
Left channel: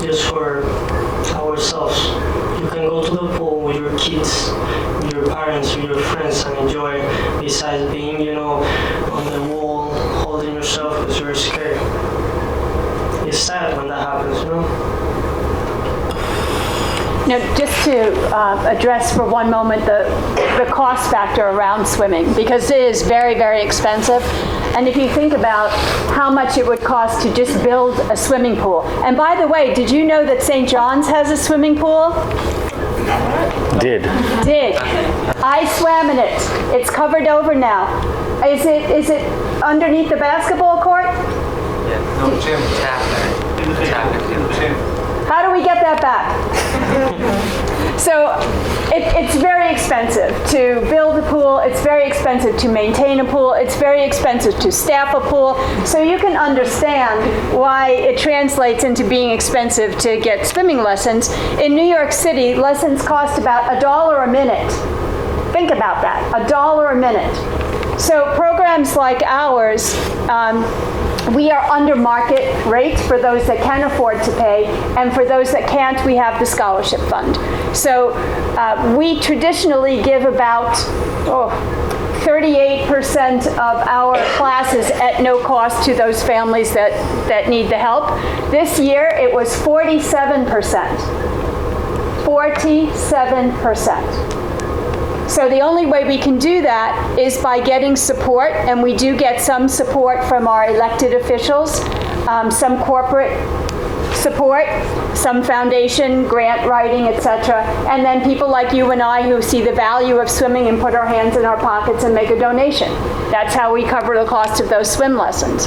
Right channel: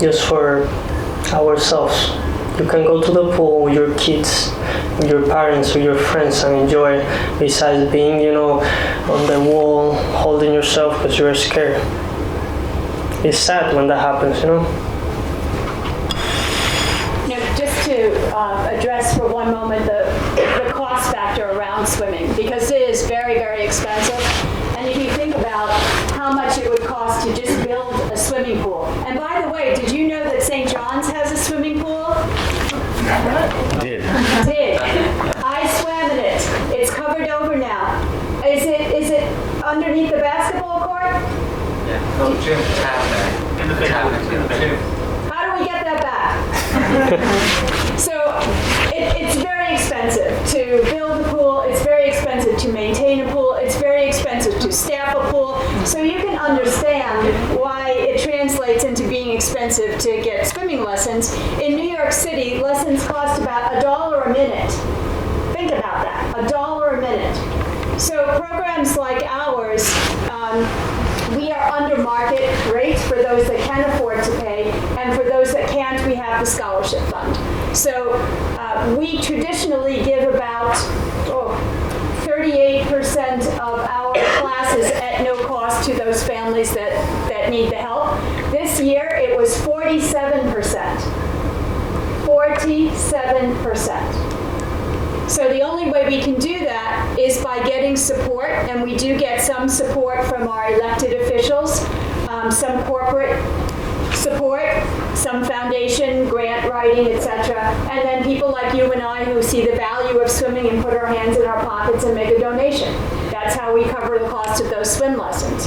just for ourselves. You can go to the pool with your kids, with your parents, with your friends and enjoy it, besides being, on the wall, holding yourself because you're scared. It's sad when that happens, Now, just to address for one moment the cost factor around swimming, because it is very, very expensive. And if you think about how much it would cost to just build a swimming pool. And by the way, did you know that St. John's has a swimming pool? Did. I swam in it. It's covered over now. Is it underneath the basketball court? How do we get that back? So it's very expensive to build a pool. It's very expensive to maintain a pool. It's very expensive to staff a pool. So you can understand why it translates into being expensive to get swimming lessons. In New York City, lessons cost about $1 a minute. Think about that, $1 a minute. So programs like ours, we are under market rates for those that can afford to pay, and for those that can't, we have the scholarship fund. So we traditionally give about 38% of our classes at no cost to those families that need the help. This year it was 47%. 47%. So the only way we can do that is by getting support, and we do get some support from our elected officials, some corporate support, some foundation, grant writing, etc. And then people like you and I who see the value of swimming and put our hands in our pockets and make a donation. That's how we cover the cost of those swim lessons.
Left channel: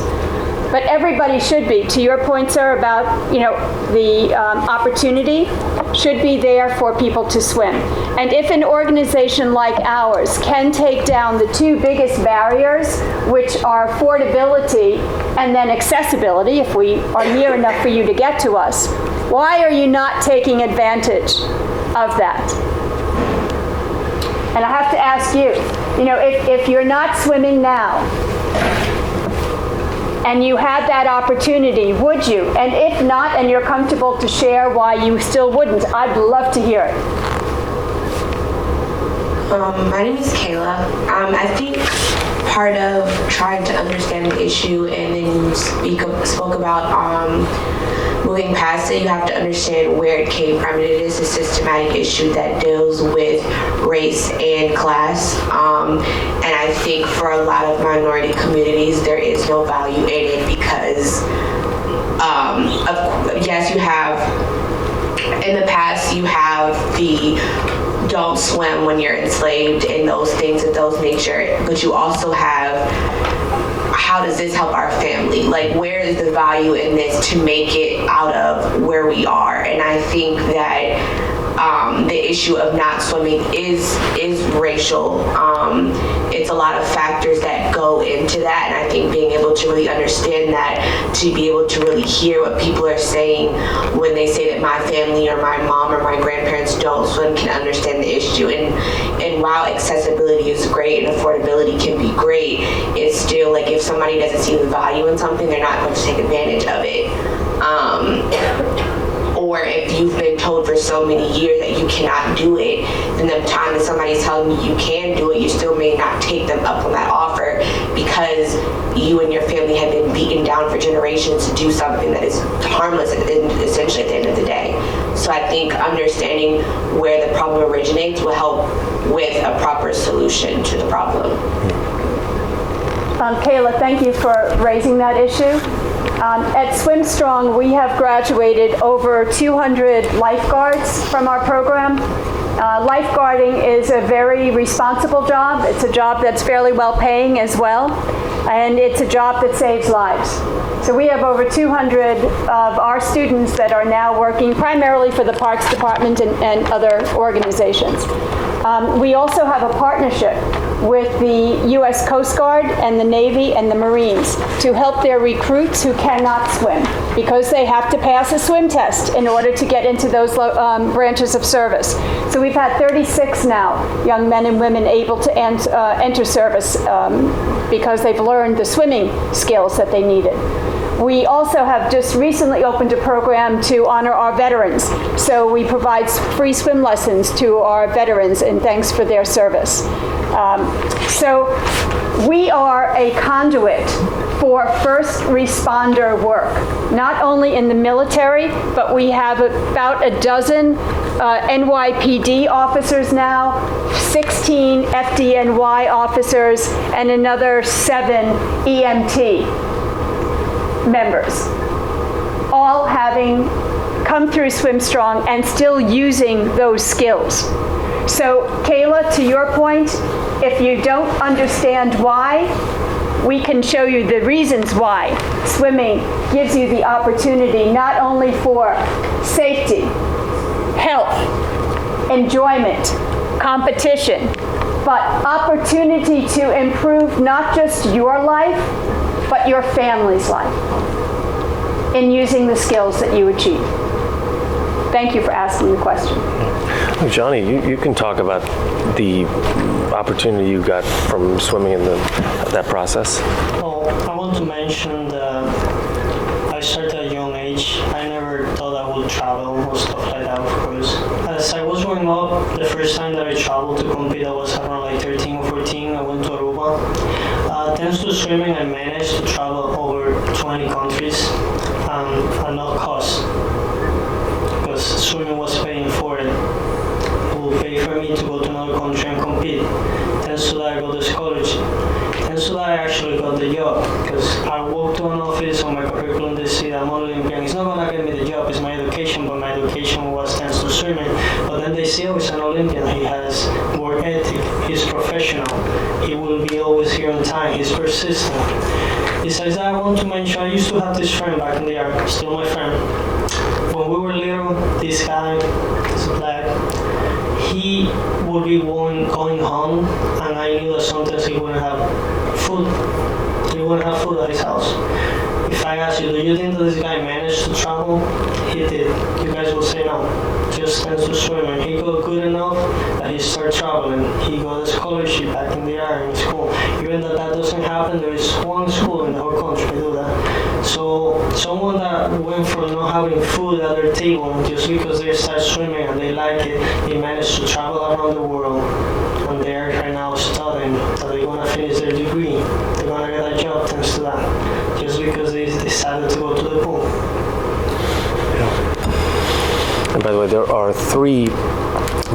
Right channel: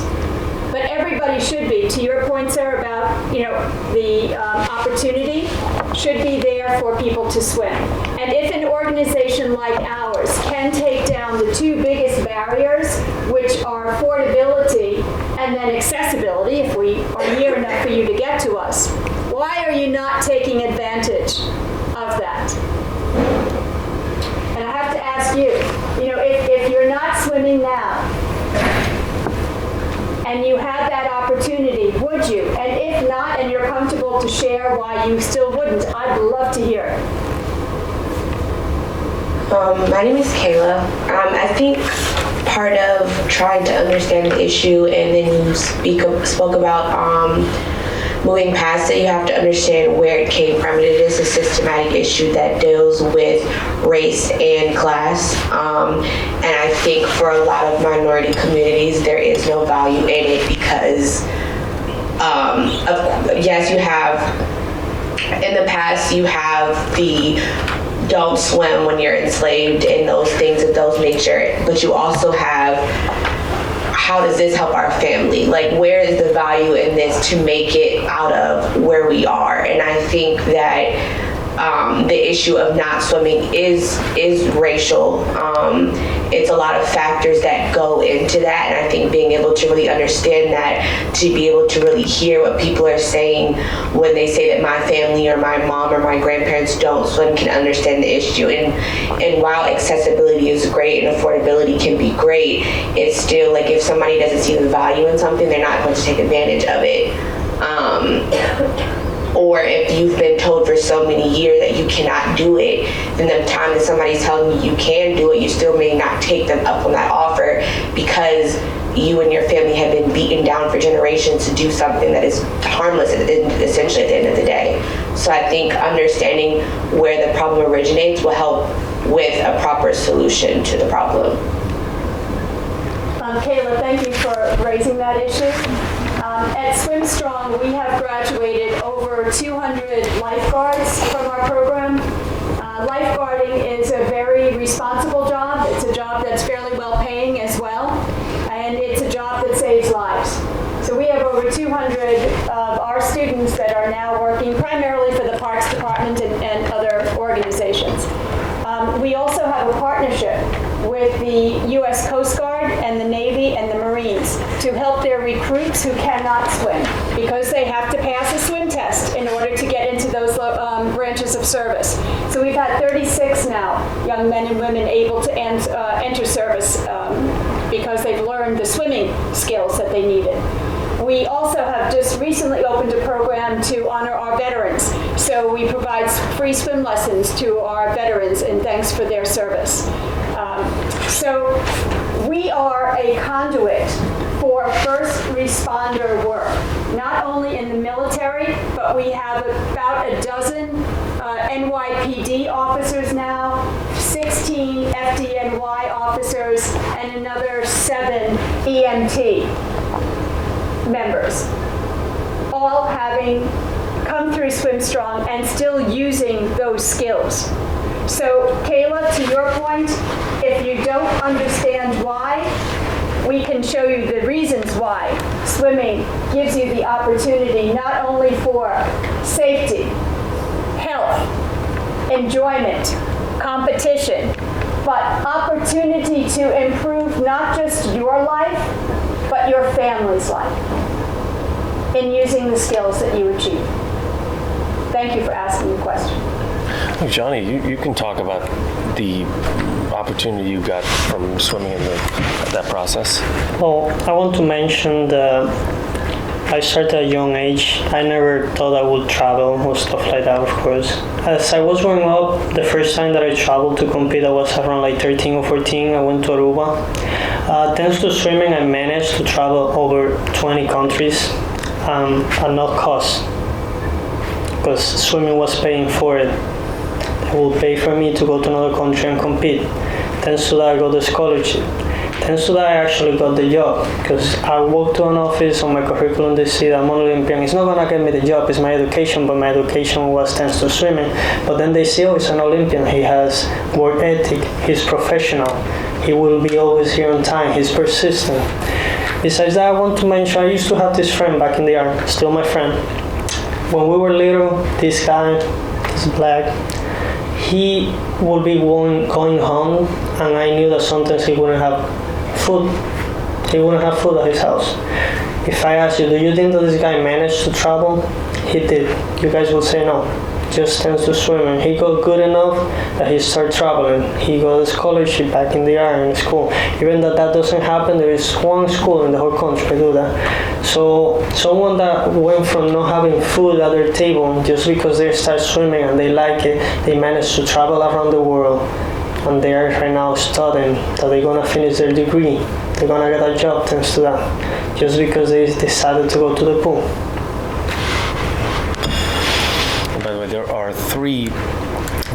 But everybody should be, to your point, sir, about the opportunity should be there for people to swim. And if an organization like ours can take down the two biggest barriers, which are affordability and then accessibility, if we are near enough for you to get to us, why are you not taking advantage of that? And I have to ask you, if you're not swimming now, and you had that opportunity, would you? And if not, and you're comfortable to share why you still wouldn't, I'd love to hear it. My name is Kayla. I think part of trying to understand the issue, and then you spoke about moving past it, you have to understand where it came from. It is a systematic issue that deals with race and class. And I think for a lot of minority communities, there is no value in it because, yes, you have, in the past, you have the don't swim when you're enslaved and those things of those nature, but you also have how does this help our family? Like, where is the value in this to make it out of where we are? And I think that the issue of not swimming is racial. It's a lot of factors that go into that, and I think being able to really understand that, to be able to really hear what people are saying when they say that my family or my mom or my grandparents don't swim, can understand the issue. And while accessibility is great and affordability can be great, it's still like if somebody doesn't see the value in something, they're not going to take advantage of it. Or if you've been told for so many years that you cannot do it, then the time that somebody's telling you can do it, you still may not take them up on that offer because you and your family have been beaten down for generations to do something that is harmless essentially at the end of the day. So I think understanding where the problem originates will help with a proper solution to the problem. Kayla, thank you for raising that issue. At Swim Strong, we have graduated over 200 lifeguards from our program. Lifeguarding is a very responsible job. It's a job that's fairly well paying as well, and it's a job that saves lives. So we have over 200 of our students that are now working primarily for the Parks Department and other organizations. We also have a partnership with the U.S. Coast Guard and the Navy and the Marines to help their recruits who cannot swim because they have to pass a swim test in order to get into those branches of service. So we've had 36 now young men and women able to enter service because they've learned the swimming skills that they needed. We also have just recently opened a program to honor our veterans. So we provide free swim lessons to our veterans in thanks for their service. So we are a conduit for first responder work, not only in the military, but we have about a dozen NYPD officers now, 16 FDNY officers, and another 7 EMT members, all having come through Swim Strong and still using those skills. So, Kayla, to your point, if you don't understand why, we can show you the reasons why swimming gives you the opportunity not only for safety, health, enjoyment, competition, but opportunity to improve not just your life, but your family's life in using the skills that you achieve. Thank you for asking the question. Johnny, you can talk about the opportunity you got from swimming in that process. Well, I want to mention that I started at a young age. I never thought I would travel or stuff like that, of course. As I was growing up, the first time that I traveled to compete, I was around like 13 or 14. I went to Aruba. Thanks to swimming, I managed to travel over 20 countries at no cost because swimming was paying for it. It would pay for me to go to another country and compete. Thanks to that, I got the scholarship. Thanks to that, I actually got the job because I walked to an office on my curriculum. They see that I'm an Olympian. It's not gonna get me the job. It's my education, but my education was thanks to swimming. But then they see, oh, he's an Olympian. He has work ethic. He's professional. He will be always here on time. He's persistent. Besides that, I want to mention I used to have this friend back in the army, still my friend. When we were little, this guy, this black, he would be going home, and I knew that sometimes he wouldn't have food. He wouldn't have food at his house. If I asked you, do you think that this guy managed to travel? He did. You guys would say no. Just thanks to swimming. He got good enough that he started traveling. He got a scholarship back in the Army in school. Even that doesn't happen, there is one school in the whole country to do that. So someone that went from not having food at their table just because they start swimming and they like it, they managed to travel around the world. And they are right now studying that they're gonna finish their degree. They're gonna get a job thanks to that. Just because they decided to go to the pool. And by the way, there are 3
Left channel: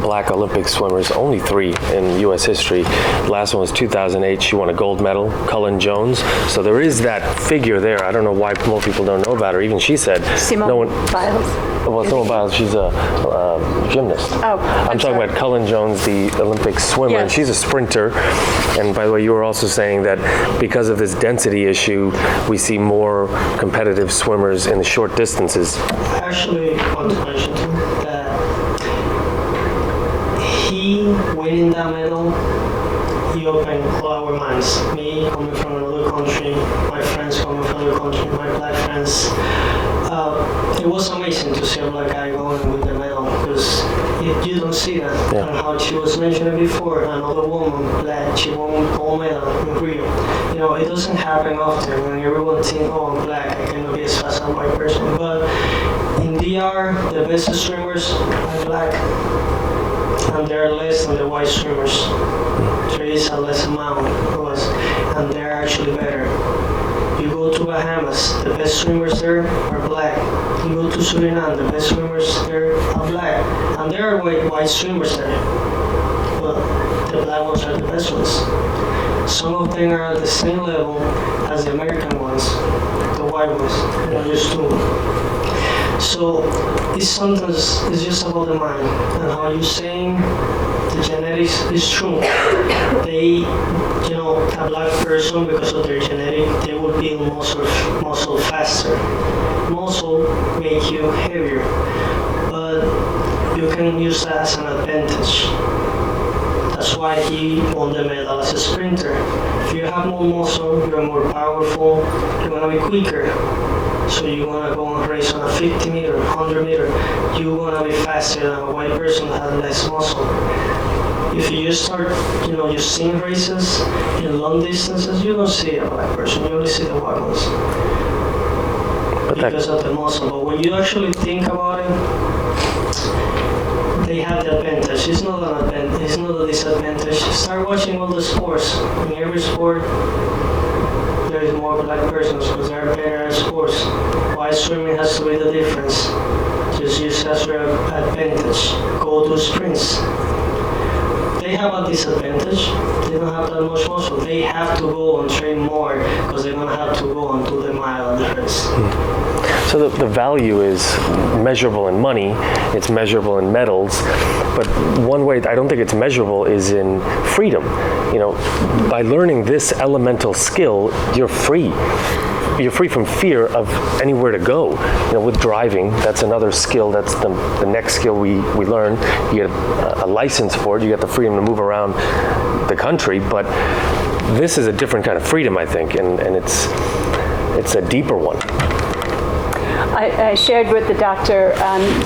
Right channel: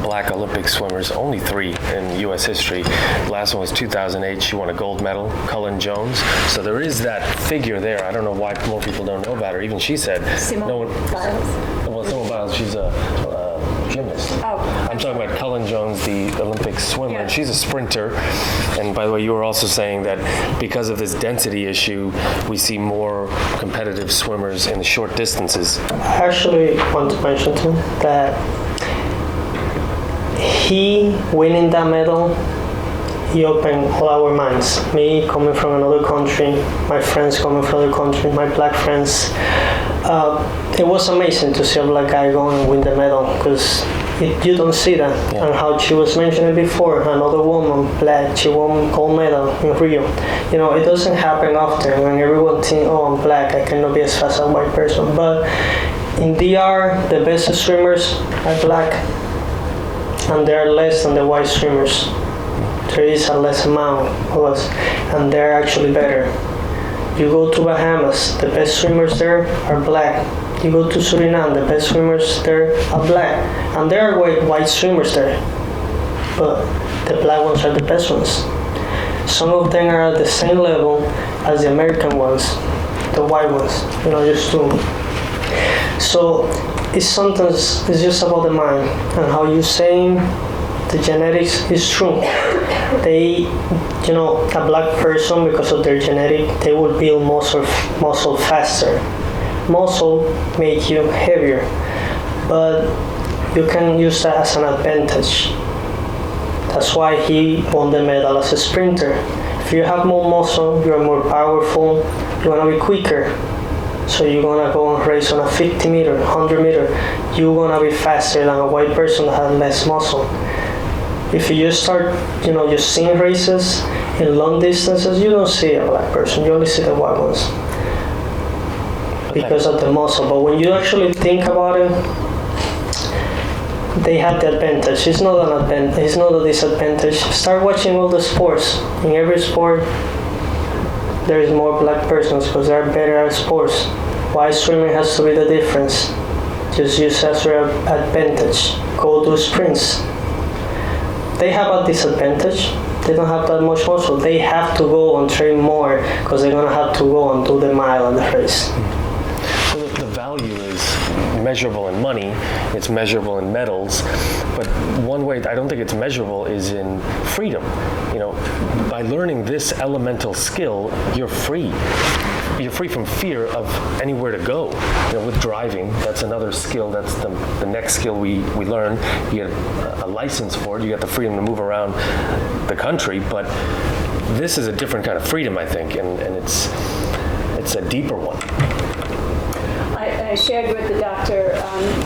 Black Olympic swimmers, only 3 in U.S. history. The last one was 2008. She won a gold medal, Cullen Jones. So there is that figure there. I don't know why more people don't know about her. Even she said no one. Biles. Well, Simone Biles, she's a gymnast. Oh, I'm talking about Cullen Jones, the Olympic swimmer, and Yes. she's a sprinter. And by the way, you were also saying that because of this density issue, we see more competitive swimmers in the short distances. I actually want to mention too that he winning that medal, he opened all our minds. Me coming from another country, my friends coming from another country, my black friends. It was amazing to see a black guy go and win the medal because you don't see that. Yeah. And how she was mentioning before, another woman, black, she won gold medal in Rio. You know, it doesn't happen often when everyone thinks, oh, I'm black, I cannot be as fast as a white person. But in DR, the best swimmers are black, and they're less than the white swimmers. There is a less amount of us, and they're actually better. You go to Bahamas, the best swimmers there are black. You go to Suriname, the best swimmers there are black. And there are white swimmers there, but the black ones are the best ones. Some of them are at the same level as the American ones, the white ones, you know, just two. So it's sometimes, it's just about the mind and how you're saying the genetics is true. They, you know, a black person, because of their genetic, they will build muscle faster. Muscle make you heavier, but you can use that as an advantage. That's why he won the medal as a sprinter. If you have more muscle, you're more powerful, you're gonna be quicker. So you're gonna go and race on a 50 meter, 100 meter, you're gonna be faster than a white person who has less muscle. If you just start, you know, just seeing races in long distances, you don't see a black person, you only see the white ones. Because of the muscle. But when you actually think about it, they have the advantage. It's not an advantage, it's not a disadvantage. Start watching all the sports. In every sport, there's more black persons because they're better at sports. Why swimming has to be the difference? Just use as your advantage. Go do sprints. They have a disadvantage. They don't have that much muscle. They have to go and train more because they're gonna have to go and do the mile and the race. So the value is measurable in money, it's measurable in medals, but one way I don't think it's measurable is in freedom. You know, by learning this elemental skill, you're free. You're free from fear of anywhere to go. You know, with driving, that's another skill. That's the next skill we learn. You get a license for it. You get the freedom to move around the country. But this is a different kind of freedom, I think, and it's a deeper one. I shared with the doctor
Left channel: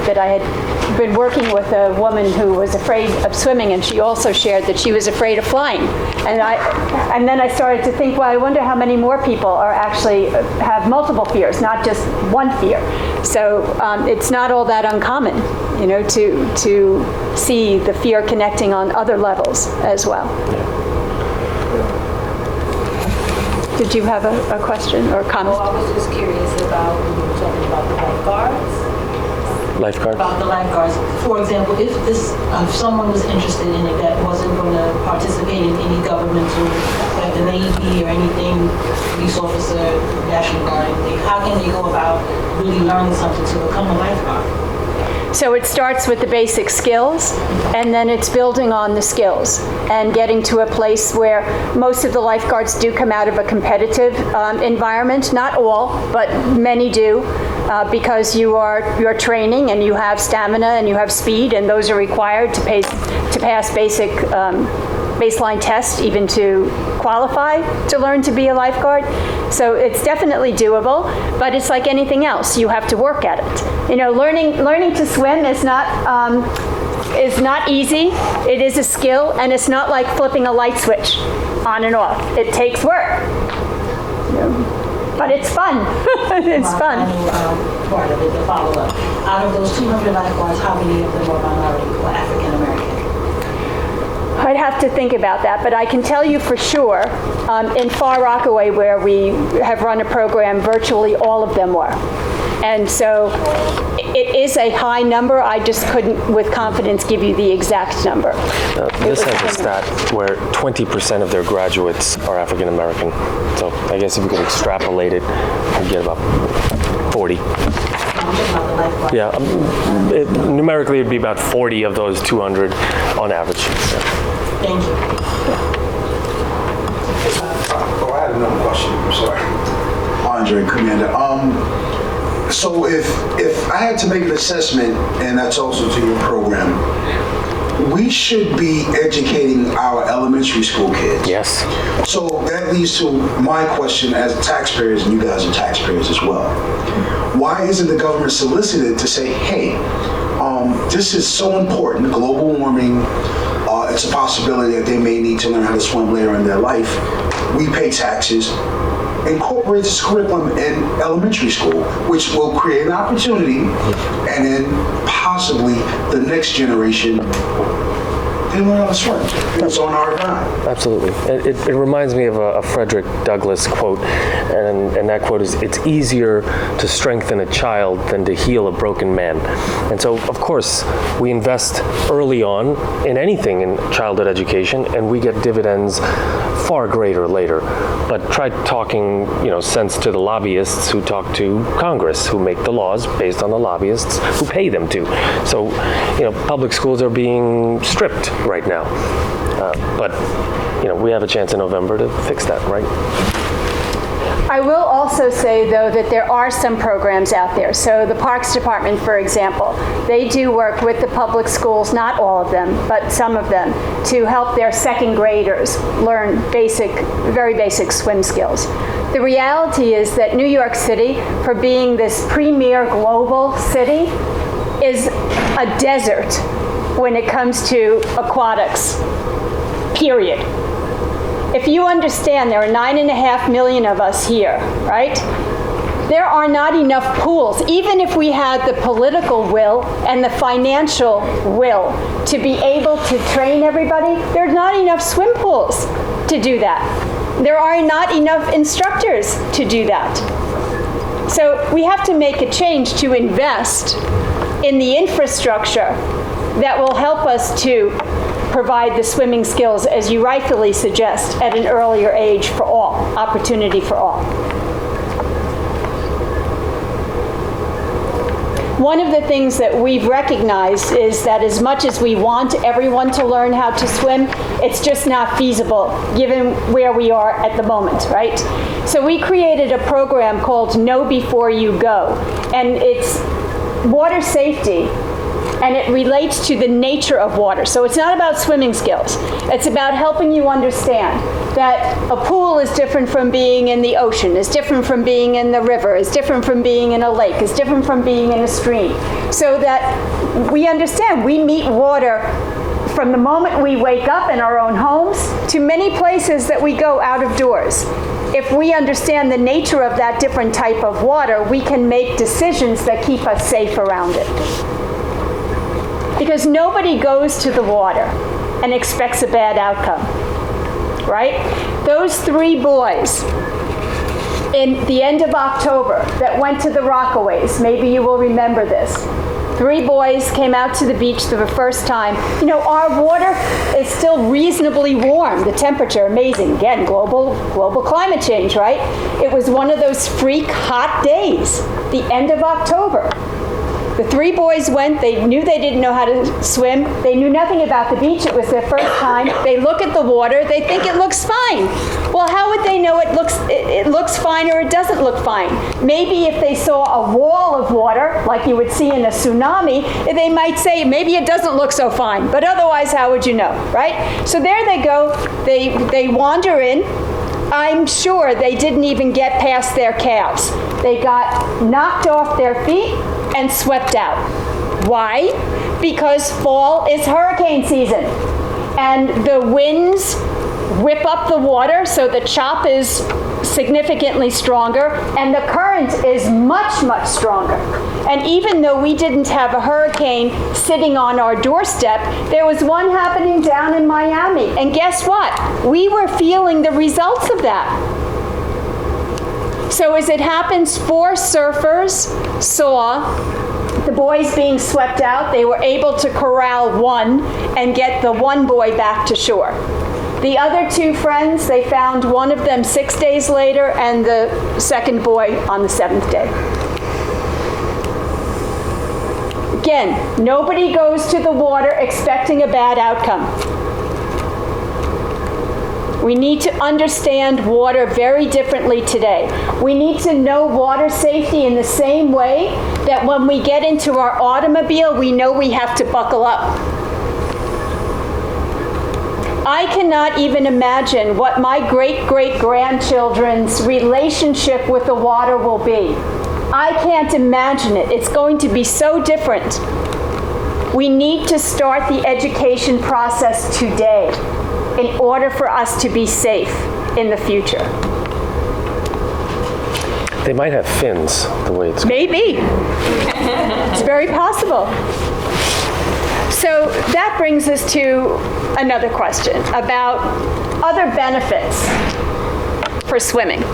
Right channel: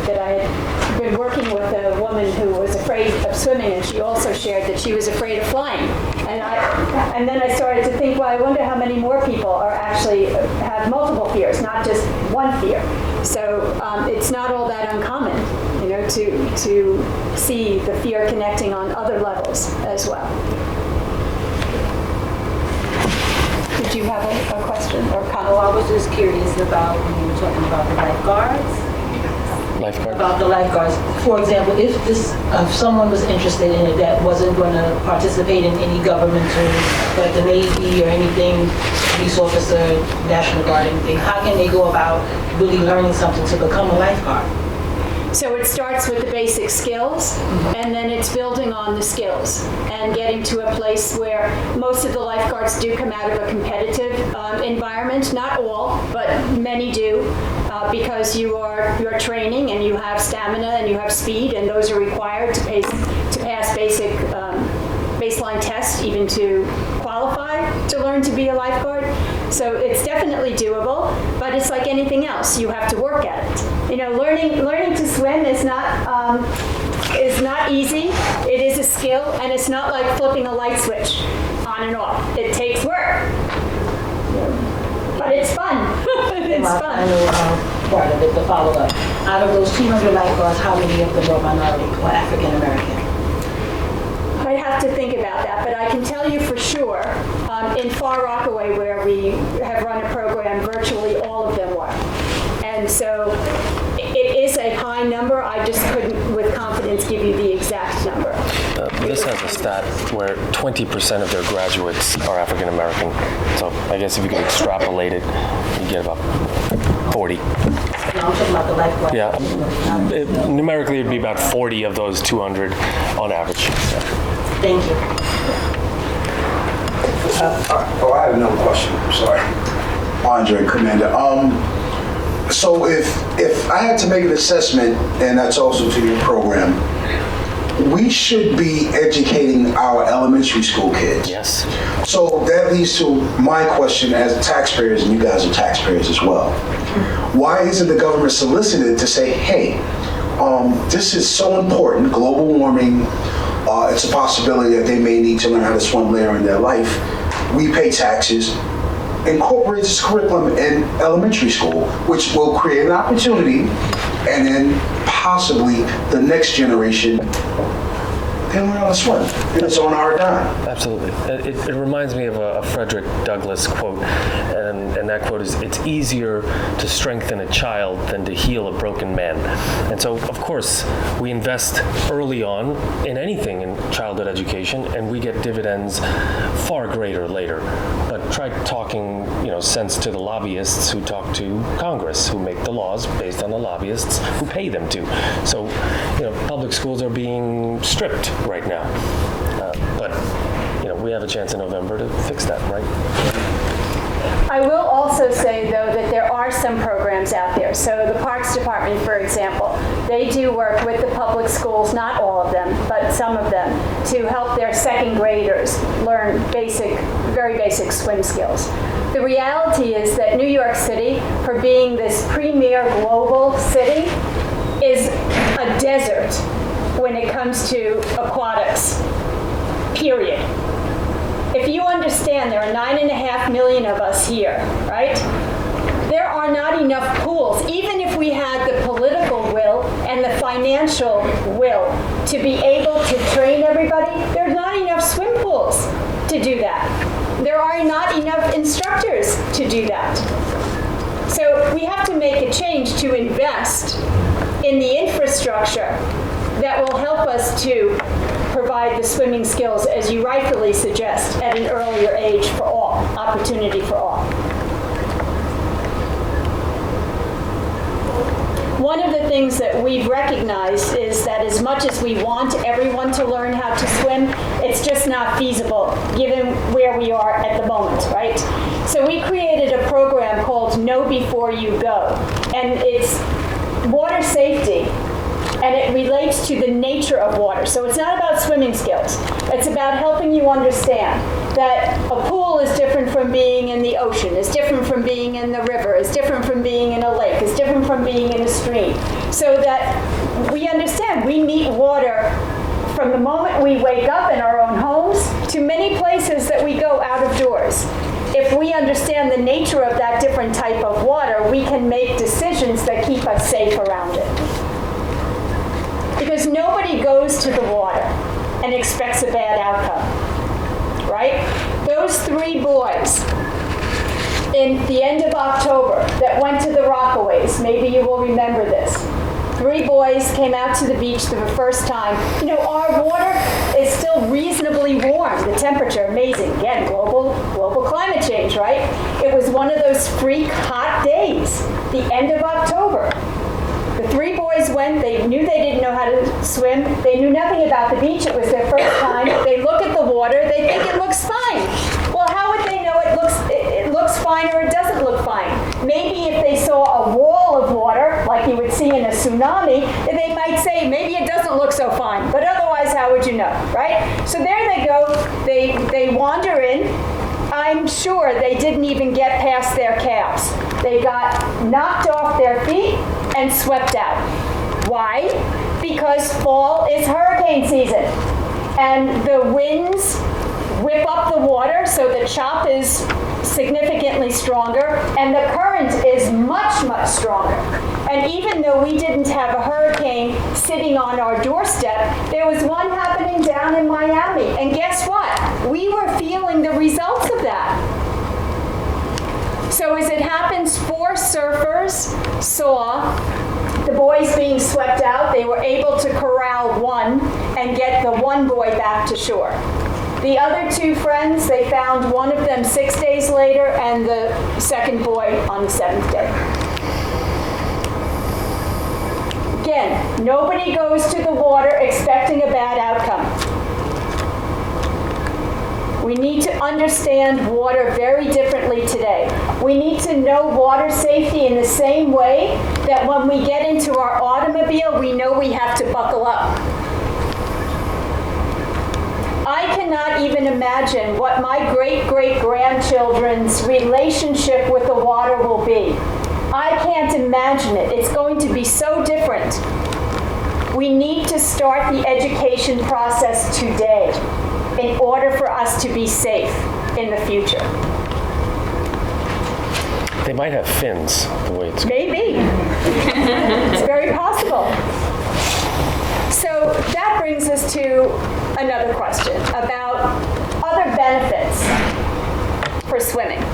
that I had been working with a woman who was afraid of swimming, and she also shared that she was afraid of flying. And then I started to think, well, I wonder how many more people are actually have multiple fears, not just one fear. So it's not all that uncommon, you know, to see the fear connecting on other levels as well. Did you have a question or comment? Oh, I was just curious about when you were talking about the lifeguards. Lifeguard? About the lifeguards. For example, if someone was interested in it that wasn't going to participate in any governmental, like the Navy or anything, police officer, National Guard, anything, how can they go about really learning something to become a lifeguard? So it starts with the basic skills, and then it's building on the skills and getting to a place where most of the lifeguards do come out of a competitive environment. Not all, but many do, because you're training and you have stamina and you have speed, and those are required to pass basic baseline tests even to qualify to learn to be a lifeguard. So it's definitely doable, but it's like anything else. You have to work at it. You know, learning to swim is not easy. It is a skill, and it's not like flipping a light switch on and off. It takes work, but it's fun. It's fun. I know part of it, the follow-up. Out of those 200 lifeguards, how many of them are minority or African American? I'd have to think about that, but I can tell you for sure, in Far Rockaway, where we have run a program, virtually all of them were. And so It is a high number. I just couldn't, with confidence, give you the exact number. This has a stat where 20% of their graduates are African American. So I guess if you could extrapolate it, you get about 40. I'm talking about the lifeguard. Yeah, numerically it'd be about 40 of those 200 on average. Yeah. Thank you. Oh, I had another question. I'm sorry. Andre, Commander. So if I had to make an assessment, and that's also to your program, we should be educating our elementary school kids. Yes. So that leads to my question as taxpayers, and you guys are taxpayers as well. Why isn't the government solicited to say, hey, this is so important, global warming, it's a possibility that they may need to learn how to swim later in their life. We pay taxes. Incorporate this curriculum in elementary school, which will create an opportunity, and then possibly the next generation can learn how to swim. It's on our dime. Absolutely. It reminds me of a Frederick Douglass quote, and that quote is, "It's easier to strengthen a child than to heal a broken man." And so, of course, we invest early on in anything in childhood education, and we get dividends far greater later. But try talking, sense to the lobbyists who talk to Congress, who make the laws based on the lobbyists who pay them to. So, public schools are being stripped right now. But we have a chance in November to fix that, right? I will also say, though, that there are some programs out there. So the Parks Department, for example, they do work with the public schools, not all of them, but some of them, to help their second graders learn very basic swim skills. The reality is that New York City, for being this premier global city, is a desert when it comes to aquatics, period. If you understand, there are 9.5 million of us here, right? There are not enough pools, even if we had the political will and the financial will to be able to train everybody, there's not enough swim pools to do that. There are not enough instructors to do that. So we have to make a change to invest in the infrastructure that will help us to provide the swimming skills, as you rightfully suggest, at an earlier age for all, opportunity for all. One of the things that we've recognized is that as much as we want everyone to learn how to swim, it's just not feasible given where we are at the moment, right? So we created a program called Know Before You Go, and it's water safety. And it relates to the nature of water. So it's not about swimming skills. It's about helping you understand that a pool is different from being in the ocean, is different from being in the river, is different from being in a lake, is different from being in a stream. So that we understand we meet water from the moment we wake up in our own homes to many places that we go out of doors. If we understand the nature of that different type of water, we can make decisions that keep us safe around it. Because nobody goes to the water and expects a bad outcome, right? Those 3 boys in the end of October that went to the Rockaways, maybe you will remember this. 3 boys came out to the beach for the first time. Our water is still reasonably warm. The temperature, amazing. Again, global climate change, right? It was one of those freak hot days, the end of October. The 3 boys went, they knew they didn't know how to swim, they knew nothing about the beach, it was their first time, they look at the water, they think it looks fine. Well, how would they know it looks fine or it doesn't look fine? Maybe if they saw a wall of water, like you would see in a tsunami, they might say, maybe it doesn't look so fine, but otherwise, how would you know, right? So there they go, they wander in. I'm sure they didn't even get past their calves. They got knocked off their feet and swept out. Why? Because fall is hurricane season. And the winds whip up the water, so the chop is significantly stronger, and the current is much, much stronger. And even though we didn't have a hurricane sitting on our doorstep, there was one happening down in Miami. And guess what? We were feeling the results of that. So as it happens, 4 surfers saw the boys being swept out, they were able to corral one and get the one boy back to shore. The other two friends, they found one of them 6 days later and the second boy on the 7th day. Again, nobody goes to the water expecting a bad outcome. We need to understand water very differently today. We need to know water safety in the same way that when we get into our automobile, we know we have to buckle up. I cannot even imagine what my great-great-grandchildren's relationship with the water will be. I can't imagine it. It's going to be so different. We need to start the education process today in order for us to be safe in the future. They might have fins, the way it's going. Maybe. It's very possible. So that brings us to another question about other benefits for swimming.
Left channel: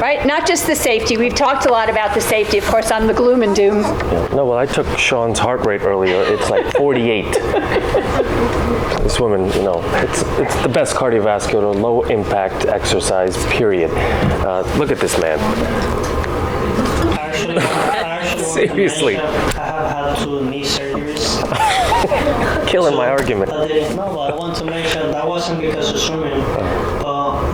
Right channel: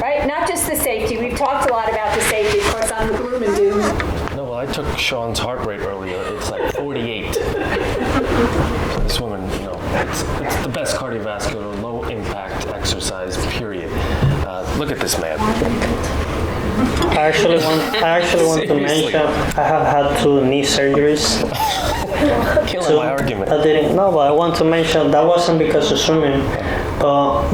Right? Not just the safety. We've talked a lot about the safety. Of course, I'm the gloom and doom. Yeah. No, well, I took Sean's heart rate earlier. It's like 48. This woman, it's the best cardiovascular, low impact exercise, period. Look at this man. I actually want to mention I have had 2 knee surgeries. Killing my argument. But I want to mention that wasn't because of swimming.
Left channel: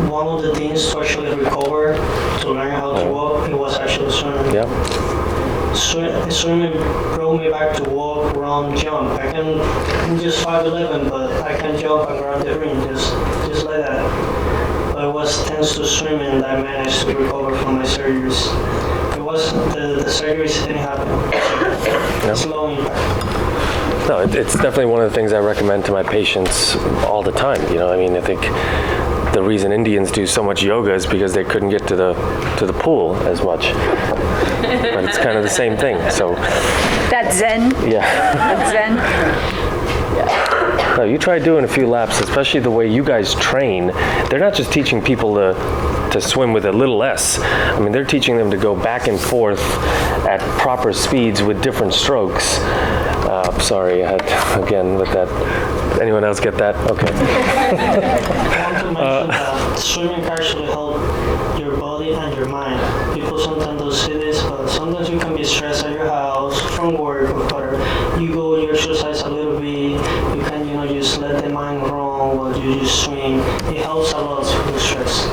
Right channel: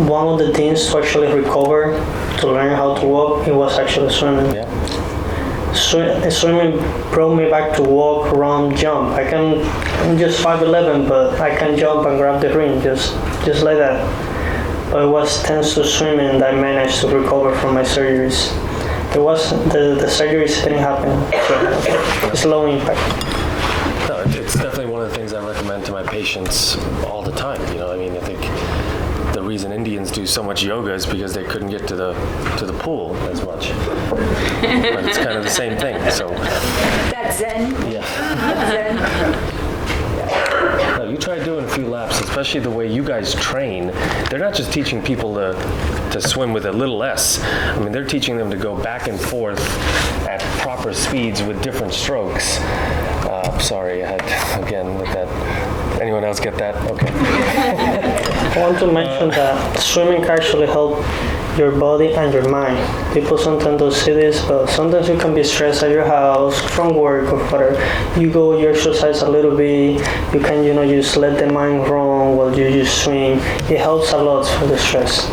One of the things to actually recover, to learn how to walk, it was actually swimming. Yeah. Swimming brought me back to walk, run, jump. I'm just 5'11", but I can jump and grab the ring just like that. But it was thanks to swimming that I managed to recover from my surgeries. It wasn't the surgeries didn't happen. So it's low impact. No, it's definitely one of the things I recommend to my patients all the time. I think the reason Indians do so much yoga is because they couldn't get to the pool as much. But it's kind of the same thing. So That's Zen. yeah. That's Zen. No, you try doing a few laps, especially the way you guys train. They're not just teaching people to swim with a little s. I mean, they're teaching them to go back and forth at proper speeds with different strokes. Sorry, I had, again, with that. Anyone else get that? Okay. I want to mention that swimming can actually help your body and your mind. People sometimes don't see this, but sometimes you can be stressed at your house, from work, or whatever. You go, you exercise a little bit, you can, just let the mind run while you just swim. It helps a lot for the stress.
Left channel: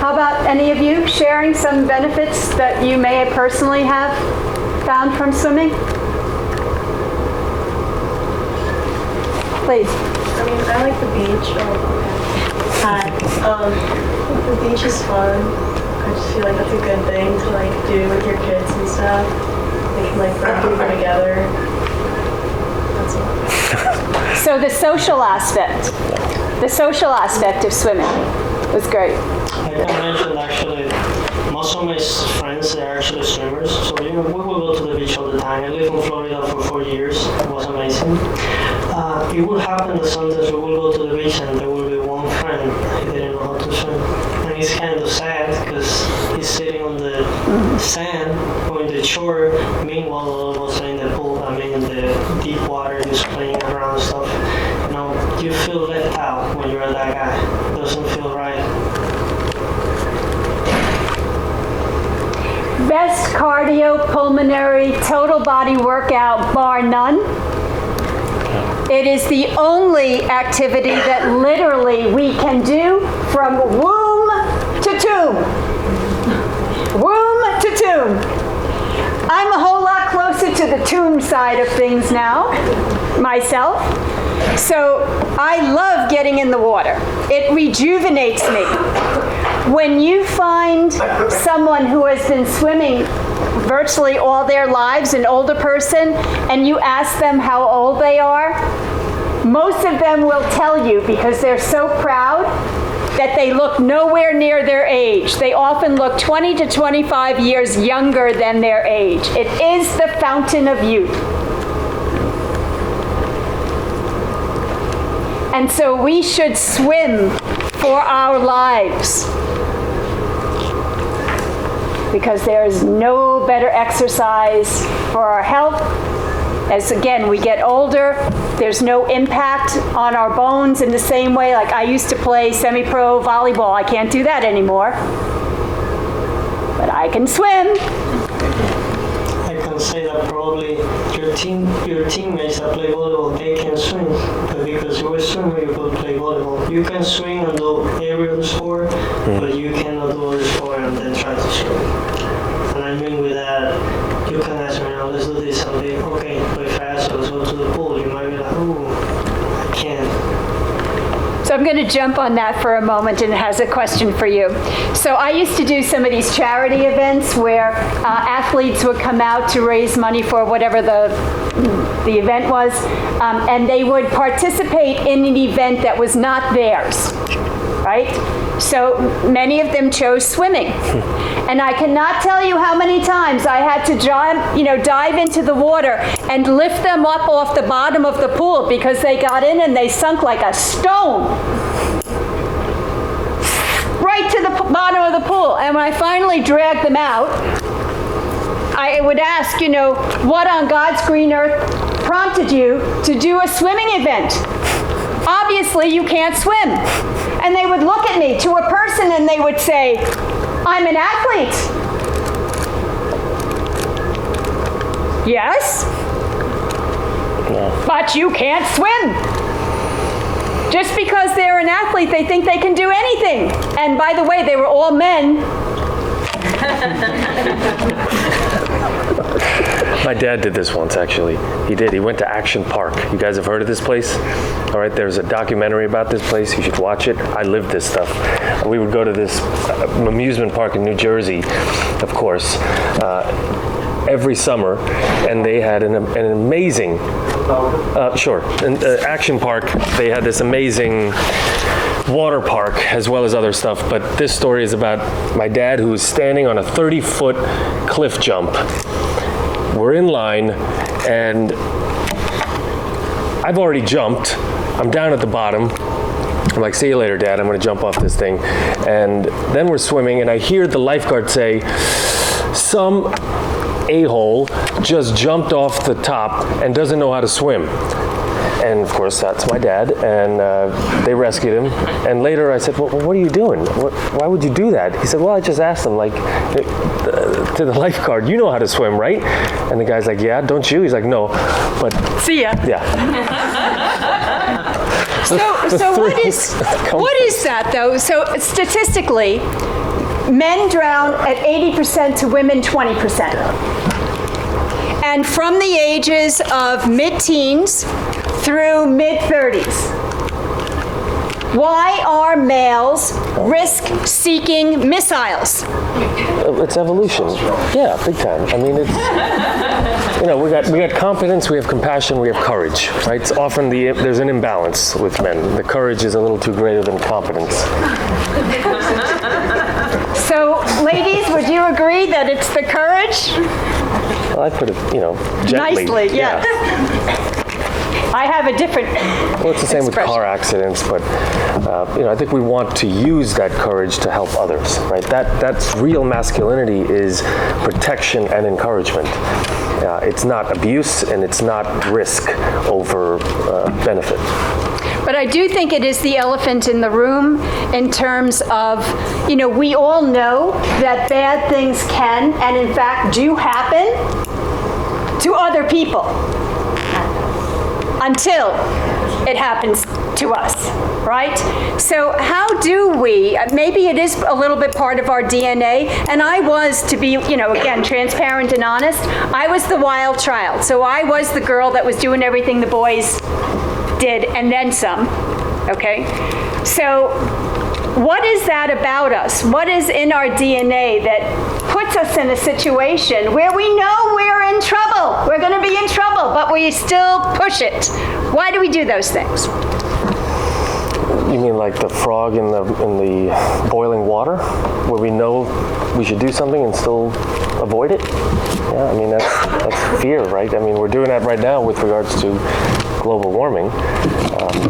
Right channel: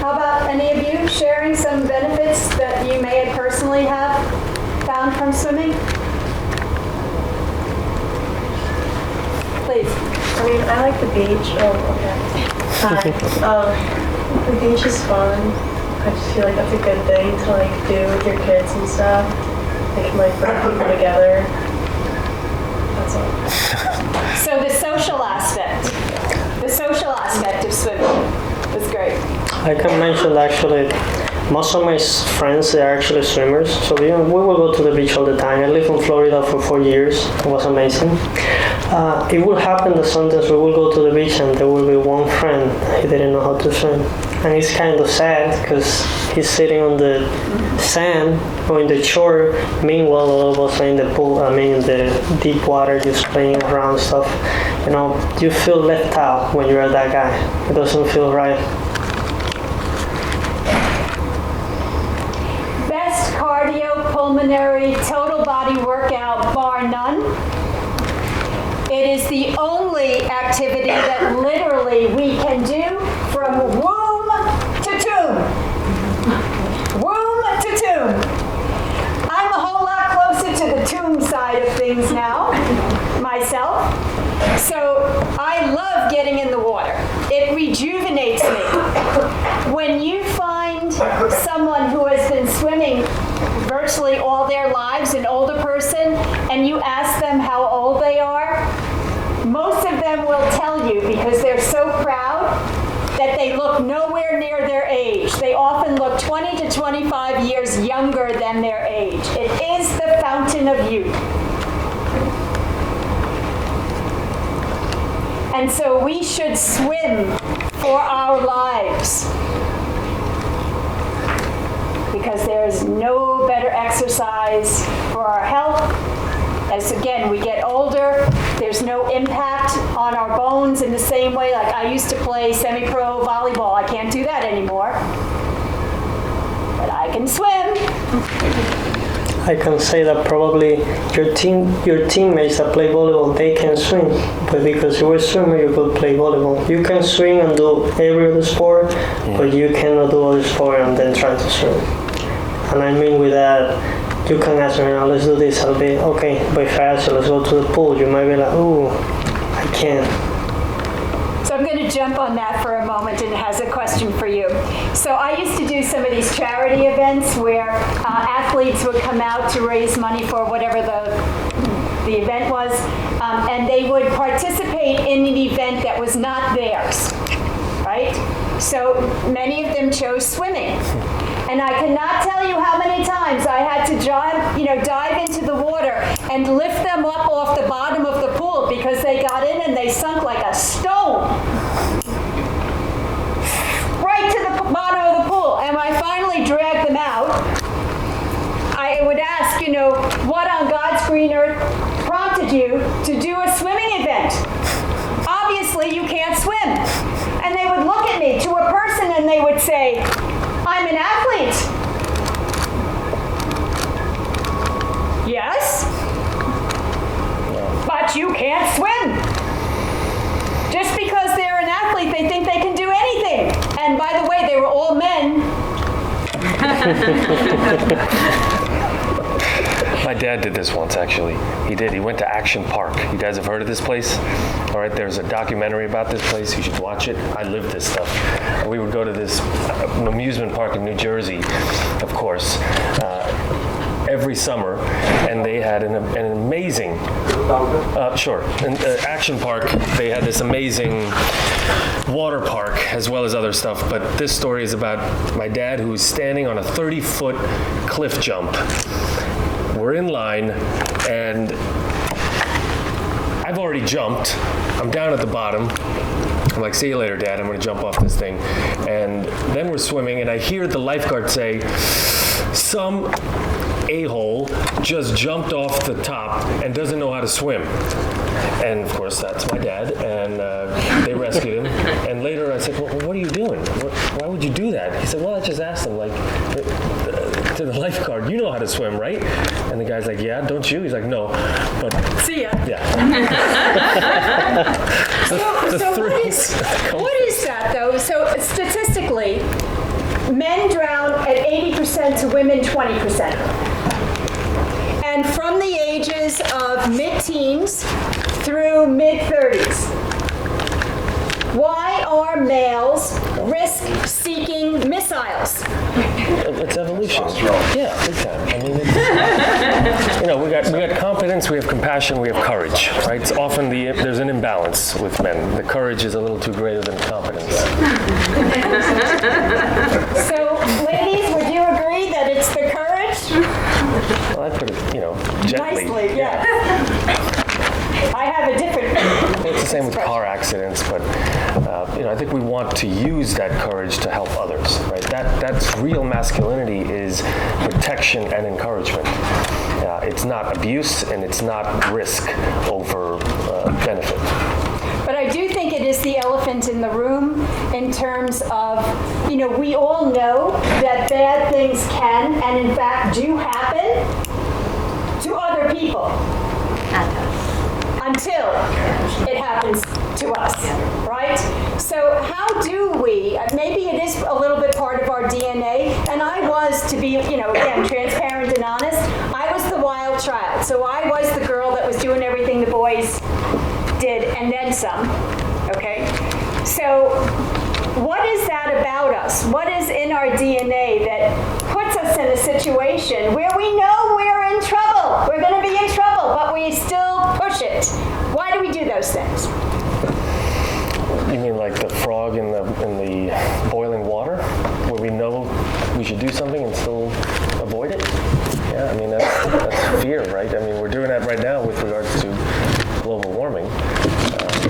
How about any of you sharing some benefits that you may personally have found from swimming? Please. I like the beach. Hi. The beach is fun. I just feel like that's a good thing to do with your kids and stuff. They can bring people together. That's all. So the social aspect of swimming was great. I can mention actually, most of my friends, they are actually swimmers. So we will go to the beach all the time. I lived in Florida for 4 years. It was amazing. It will happen that sometimes we will go to the beach and there will be one friend who didn't know how to swim. And it's kind of sad because he's sitting on the sand or in the shore. Meanwhile, all of us are in the pool, in the deep water, just playing around and stuff. You feel left out when you're that guy. It doesn't feel right. Best cardiopulmonary total body workout bar none. It is the only activity that literally we can do from womb to tomb. Womb to tomb. I'm a whole lot closer to the tomb side of things now, myself. So I love getting in the water. It rejuvenates me. When you find someone who has been swimming virtually all their lives, an older person, and you ask them how old they are, most of them will tell you, because they're so proud, that they look nowhere near their age. They often look 20 to 25 years younger than their age. It is the fountain of youth. And so we should swim for our lives. because there is no better exercise for our health. As again, we get older, there's no impact on our bones in the same way. Like I used to play semi-pro volleyball. I can't do that anymore. But I can swim. I can say that probably your teammates that play volleyball, they can swim, but because you're a swimmer, you could play volleyball. You can swim and do every other sport, but you cannot do other sport and then try to swim. And I mean with that, you can ask me, let's do this. I'll be, okay, but if I ask you, let's go to the pool, you might be like, ooh, I can't. So I'm going to jump on that for a moment and it has a question for you. So I used to do some of these charity events where athletes would come out to raise money for whatever the event was, and they would participate in an event that was not theirs, right? So many of them chose swimming. And I cannot tell you how many times I had to dive into the water and lift them up off the bottom of the pool because they got in and they sunk like a stone right to the bottom of the pool. And when I finally dragged them out, I would ask, what on God's green earth prompted you to do a swimming event? Obviously, you can't swim. And they would look at me to a person and they would say, I'm an athlete. Yes? No. But you can't swim. Just because they're an athlete, they think they can do anything. And by the way, they were all men. My dad did this once, actually. He did. He went to Action Park. You guys have heard of this place? All right, there's a documentary about this place. You should watch it. I lived this stuff. We would go to this amusement park in New Jersey, of course, every summer, and they had an amazing, Action Park, they had this amazing water park as well as other stuff, but this story is about my dad who was standing on a 30-foot cliff jump. We're in line, and I've already jumped. I'm down at the bottom. I'm like, see you later, Dad. I'm going to jump off this thing. And then we're swimming, and I hear the lifeguard say, some a-hole just jumped off the top and doesn't know how to swim. And of course, that's my dad, and they rescued him. And later I said, well, what are you doing? Why would you do that? He said, well, I just asked him, to the lifeguard, you know how to swim, right? And the guy's like, yeah, don't you? He's like, no, but... See ya. Yeah. So what is that, though? So statistically, men drown at 80% to women 20%. And from the ages of mid-teens through mid-30s. Why are males risk-seeking missiles? It's evolution. Yeah, big time. I mean, it's, we got competence, we have compassion, we have courage, right? It's often there's an imbalance with men. The courage is a little too greater than competence. So, ladies, would you agree that it's the courage? Well, I put it, gently. Nicely, yeah. I have a different Well, it's the same expression. with car accidents, but I think we want to use that courage to help others, right? That's real masculinity is protection and encouragement. It's not abuse and it's not risk over benefit. But I do think it is the elephant in the room in terms of, we all know that bad things can and in fact do happen to other people until it happens to us, right? So how do we, maybe it is a little bit part of our DNA, and I was, to be, again, transparent and honest, I was the wild child. So I was the girl that was doing everything the boys did and then some, okay? So what is that about us? What is in our DNA that puts us in a situation where we know we're in trouble? We're going to be in trouble, but we still push it. Why do we do those things? You mean like the frog in the boiling water, where we know we should do something and still avoid it? Yeah, I mean that's fear, right? I mean we're doing that right now with regards to global warming,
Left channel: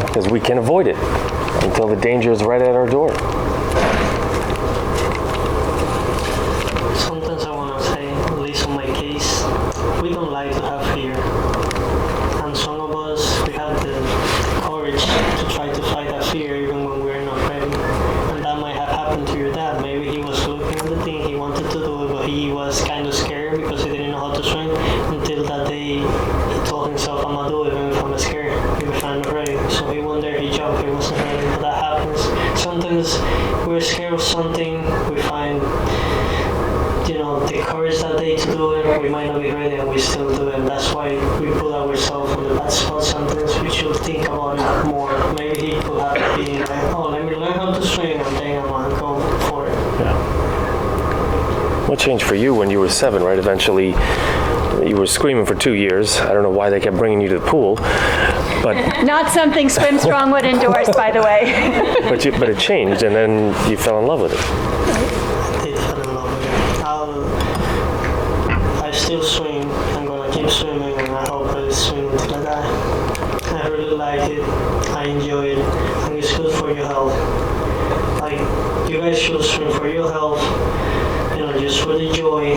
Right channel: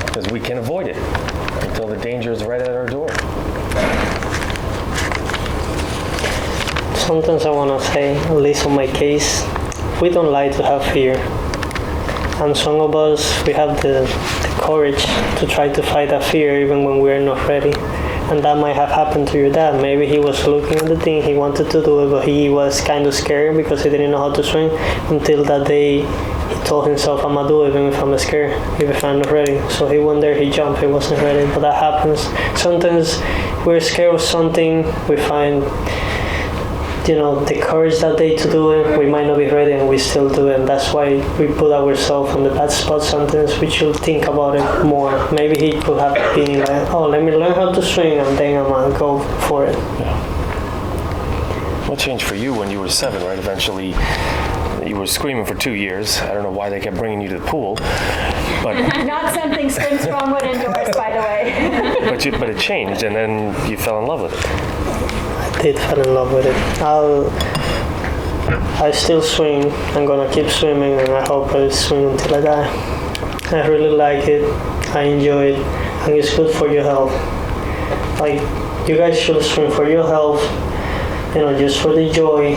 because we can avoid it until the danger is right at our door. sometimes I want to say, at least on my case, we don't like to have fear. And some of us, we have the courage to try to fight that fear even when we're not ready. And that might have happened to your dad. Maybe he was looking at the thing, he wanted to do it, but he was kind of scared because he didn't know how to swim until that day he told himself, I'm gonna do it even if I'm scared, even if I'm not ready. So he went there, he jumped, he wasn't ready, but that happens. Sometimes we're scared of something, we find the courage that day to do it, we might not be ready and we still do it. That's why we put ourselves on the bad spot sometimes. We should think about it more. Maybe he could have been like, oh, let me learn how to swim and then I'm gonna go for it. Yeah. What changed for you when you were 7, right? Eventually, you were screaming for 2 years. I don't know why they kept bringing you to the pool, but Not something Swim Strong would endorse, by the way. but it changed, and then you fell in love with it. I did fall in love with it. I still swim. I'm gonna keep swimming, and I hope I swim until I die. I really like it. I enjoy it, and it's good for your health. Like, you guys should swim for your health, just for the joy.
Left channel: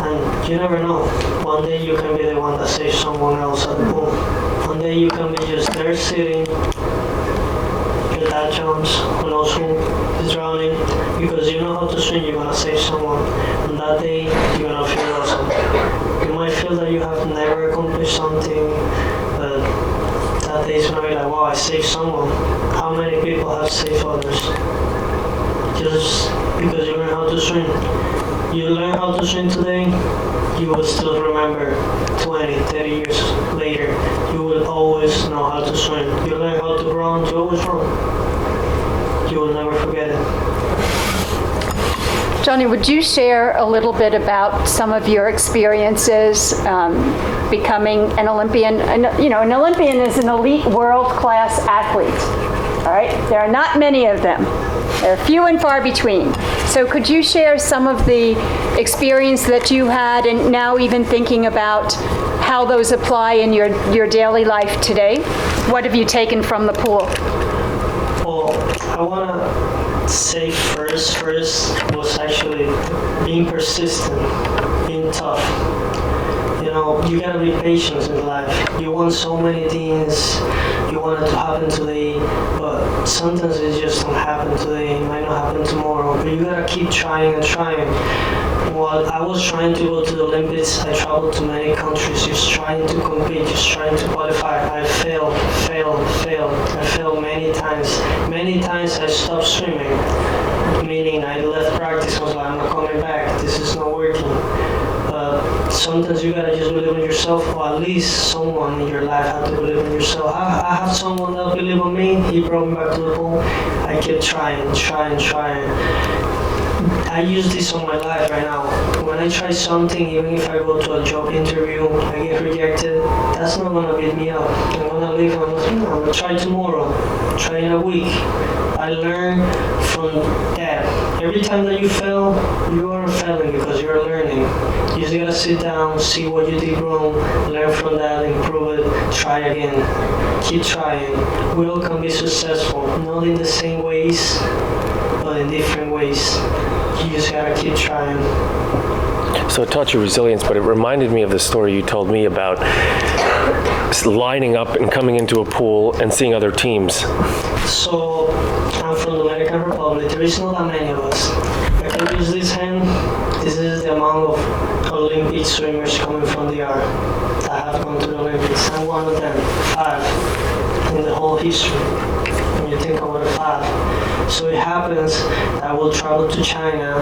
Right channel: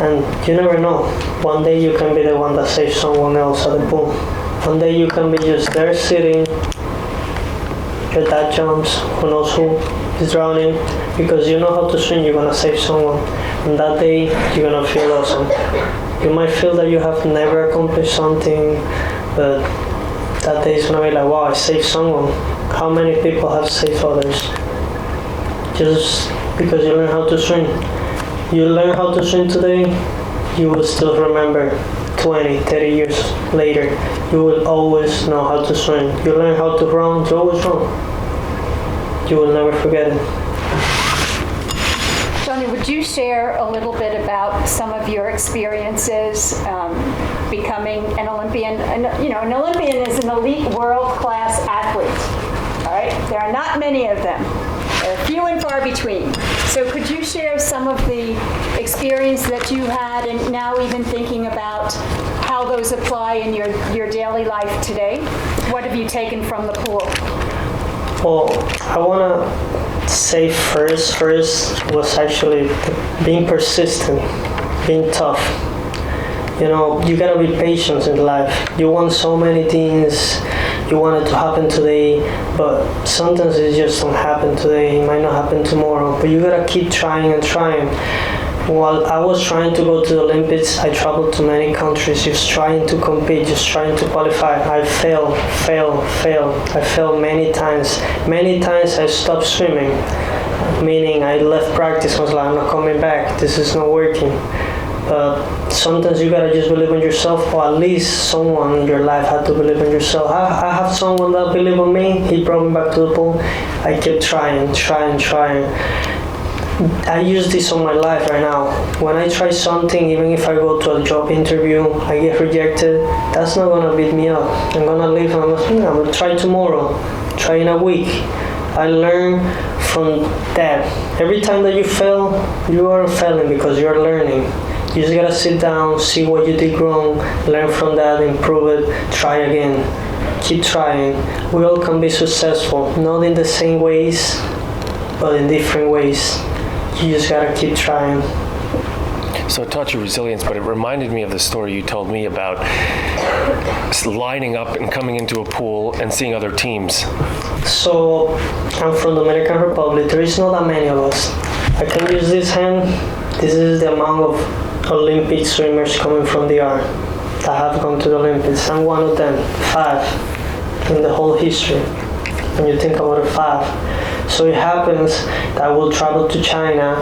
And you never know. One day you can be the one that saves someone else at the pool. One day you can be just there sitting. Your dad jumps, who knows who is drowning. Because you know how to swim, you're gonna save someone. And that day, you're gonna feel awesome. You might feel that you have never accomplished something, but that day is gonna be like, wow, I saved someone. How many people have saved others? Just because you learn how to swim. You learn how to swim today, you will still remember 20, 30 years later. You will always know how to swim. You learn how to run, you always run. You will never forget it. Johnny, would you share a little bit about some of your experiences becoming an Olympian? And, an Olympian is an elite world-class athlete, all right? There are not many of them. They're few and far between. So could you share some of the experience that you had and now even thinking about how those apply in your daily life today? What have you taken from the pool? Well, I want to say first was actually being persistent, being tough. You gotta be patient in life. You want so many things, you want it to happen today, but sometimes it just don't happen today. It might not happen tomorrow, but you gotta keep trying and trying. While I was trying to go to the Olympics, I traveled to many countries just trying to compete, just trying to qualify. I failed. I failed many times. Many times I stopped swimming, meaning I left practice. I was like, I'm not coming back. This is not working. Sometimes you gotta just believe in yourself, or at least someone in your life had to believe in yourself. I have someone that believed in me. He brought me back to the pool. I kept trying. I use this on my life right now. When I try something, even if I go to a job interview, I get rejected, that's not gonna beat me up. I'm gonna leave and I'm gonna try tomorrow, try in a week. I learn from that. Every time that you fail, you are failing because you're learning. You just gotta sit down, see what you did wrong, learn from that, improve it, try again. Keep trying. We all can be successful, not in the same ways, but in different ways. You just gotta keep trying. So it taught you resilience, but it reminded me of the story you told me about lining up and coming into a pool and seeing other teams. So I'm from the Dominican Republic. There is not that many of us. I can use this hand. This is the amount of Olympic swimmers coming from the art that have gone to the Olympics. I'm one of them, 5 in the whole history. When you think about it, 5. So it happens that I will travel to China,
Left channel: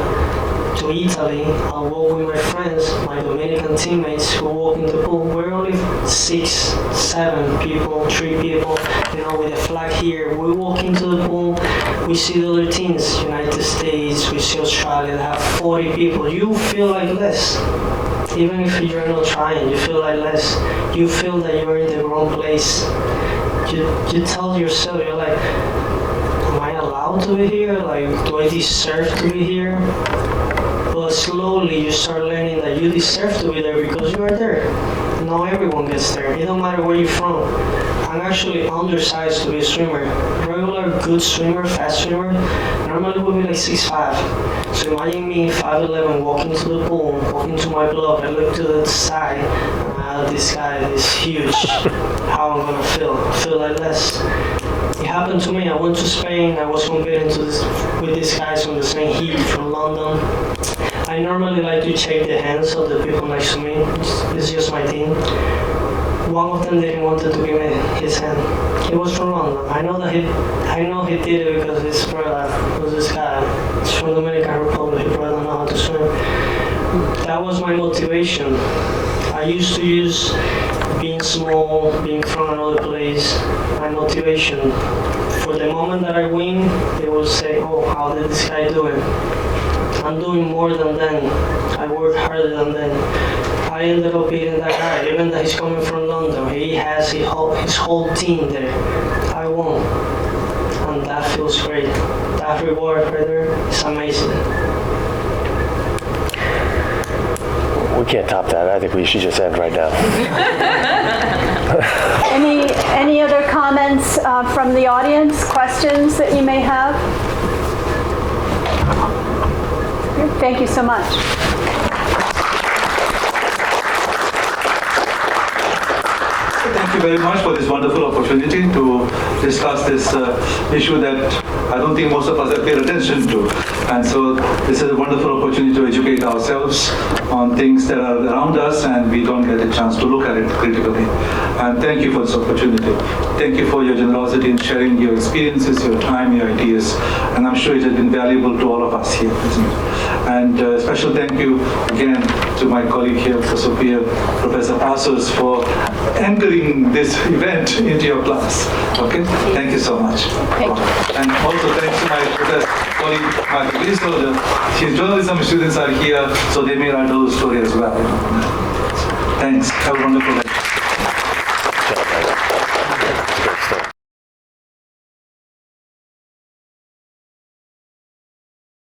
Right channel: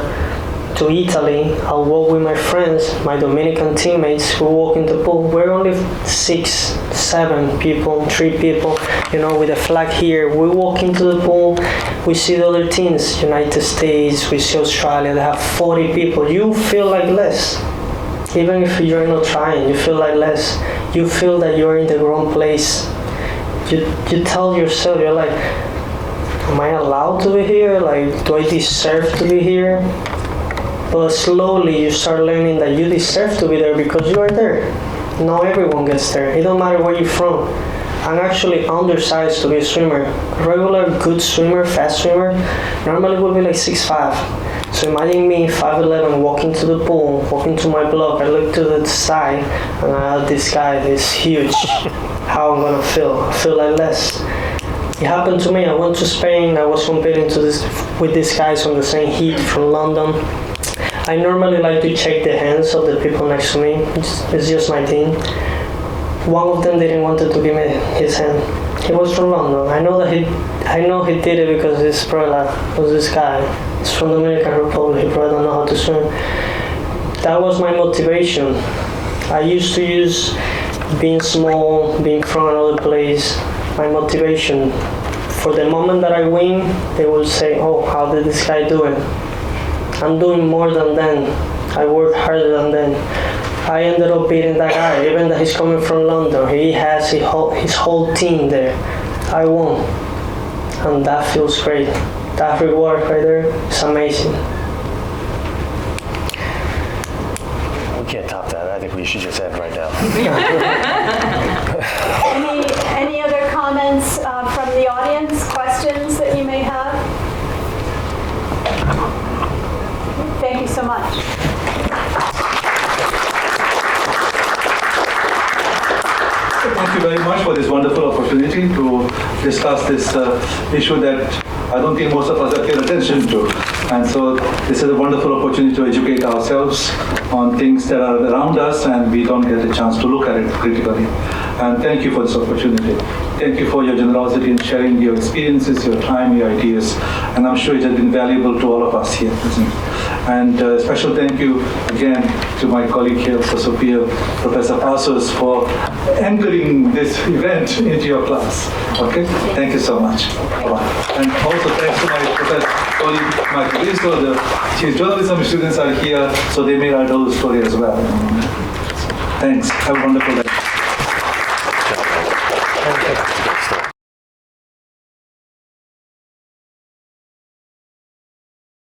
to Italy. I'll walk with my friends, my Dominican teammates who walk in the pool. We're only 6, 7 people, 3 people, with a flag here. We walk into the pool, we see the other teams, United States, we see Australia, they have 40 people. You feel like less. Even if you're not trying, you feel like less. You feel that you're in the wrong place. You tell yourself, you're like, am I allowed to be here? Like, do I deserve to be here? But slowly you start learning that you deserve to be there because you are there. Not everyone gets there. It don't matter where you're from. I'm actually undersized to be a swimmer. Regular good swimmer, fast swimmer, normally would be like 6'5". So imagine me 5'11", walking to the pool, walking to my block. I look to the side, and I have this guy that is huge. How I'm gonna feel? I feel like less. It happened to me. I went to Spain. I was competing with these guys from the same heat from London. I normally like to shake the hands of the people next to me. It's just my thing. One of them didn't want to give me his hand. He was from London. I know he did it because his brother was this guy. He's from the Dominican Republic. He probably don't know how to swim. That was my motivation. I used to use being small, being from another place, my motivation. For the moment that I win, they will say, "Oh, how did this guy do it?" I'm doing more than them. I work harder than them. I ended up beating that guy, even though he's coming from London. He has his whole team there. I won. And that feels great. That reward right there is amazing. We can't top that. I think we should just end right now. Any other comments from the audience, questions that you may have? Thank you so much. Thank you very much for this wonderful opportunity to discuss this issue that I don't think most of us have paid attention to. And so this is a wonderful opportunity to educate ourselves on things that are around us and we don't get a chance to look at it critically. And thank you for this opportunity. Thank you for your generosity in sharing your experiences, your time, your ideas. And I'm sure it has been valuable to all of us here present. And a special thank you again to my colleague here, Sophia, Professor Passos, for anchoring this event into your class. Okay? Thank you so much. And also thanks to my professor, colleague, Mark Rizzo. The journalism students are here, so they may write those stories as well. Thanks. Have a wonderful day. Good job, man. It's a great story.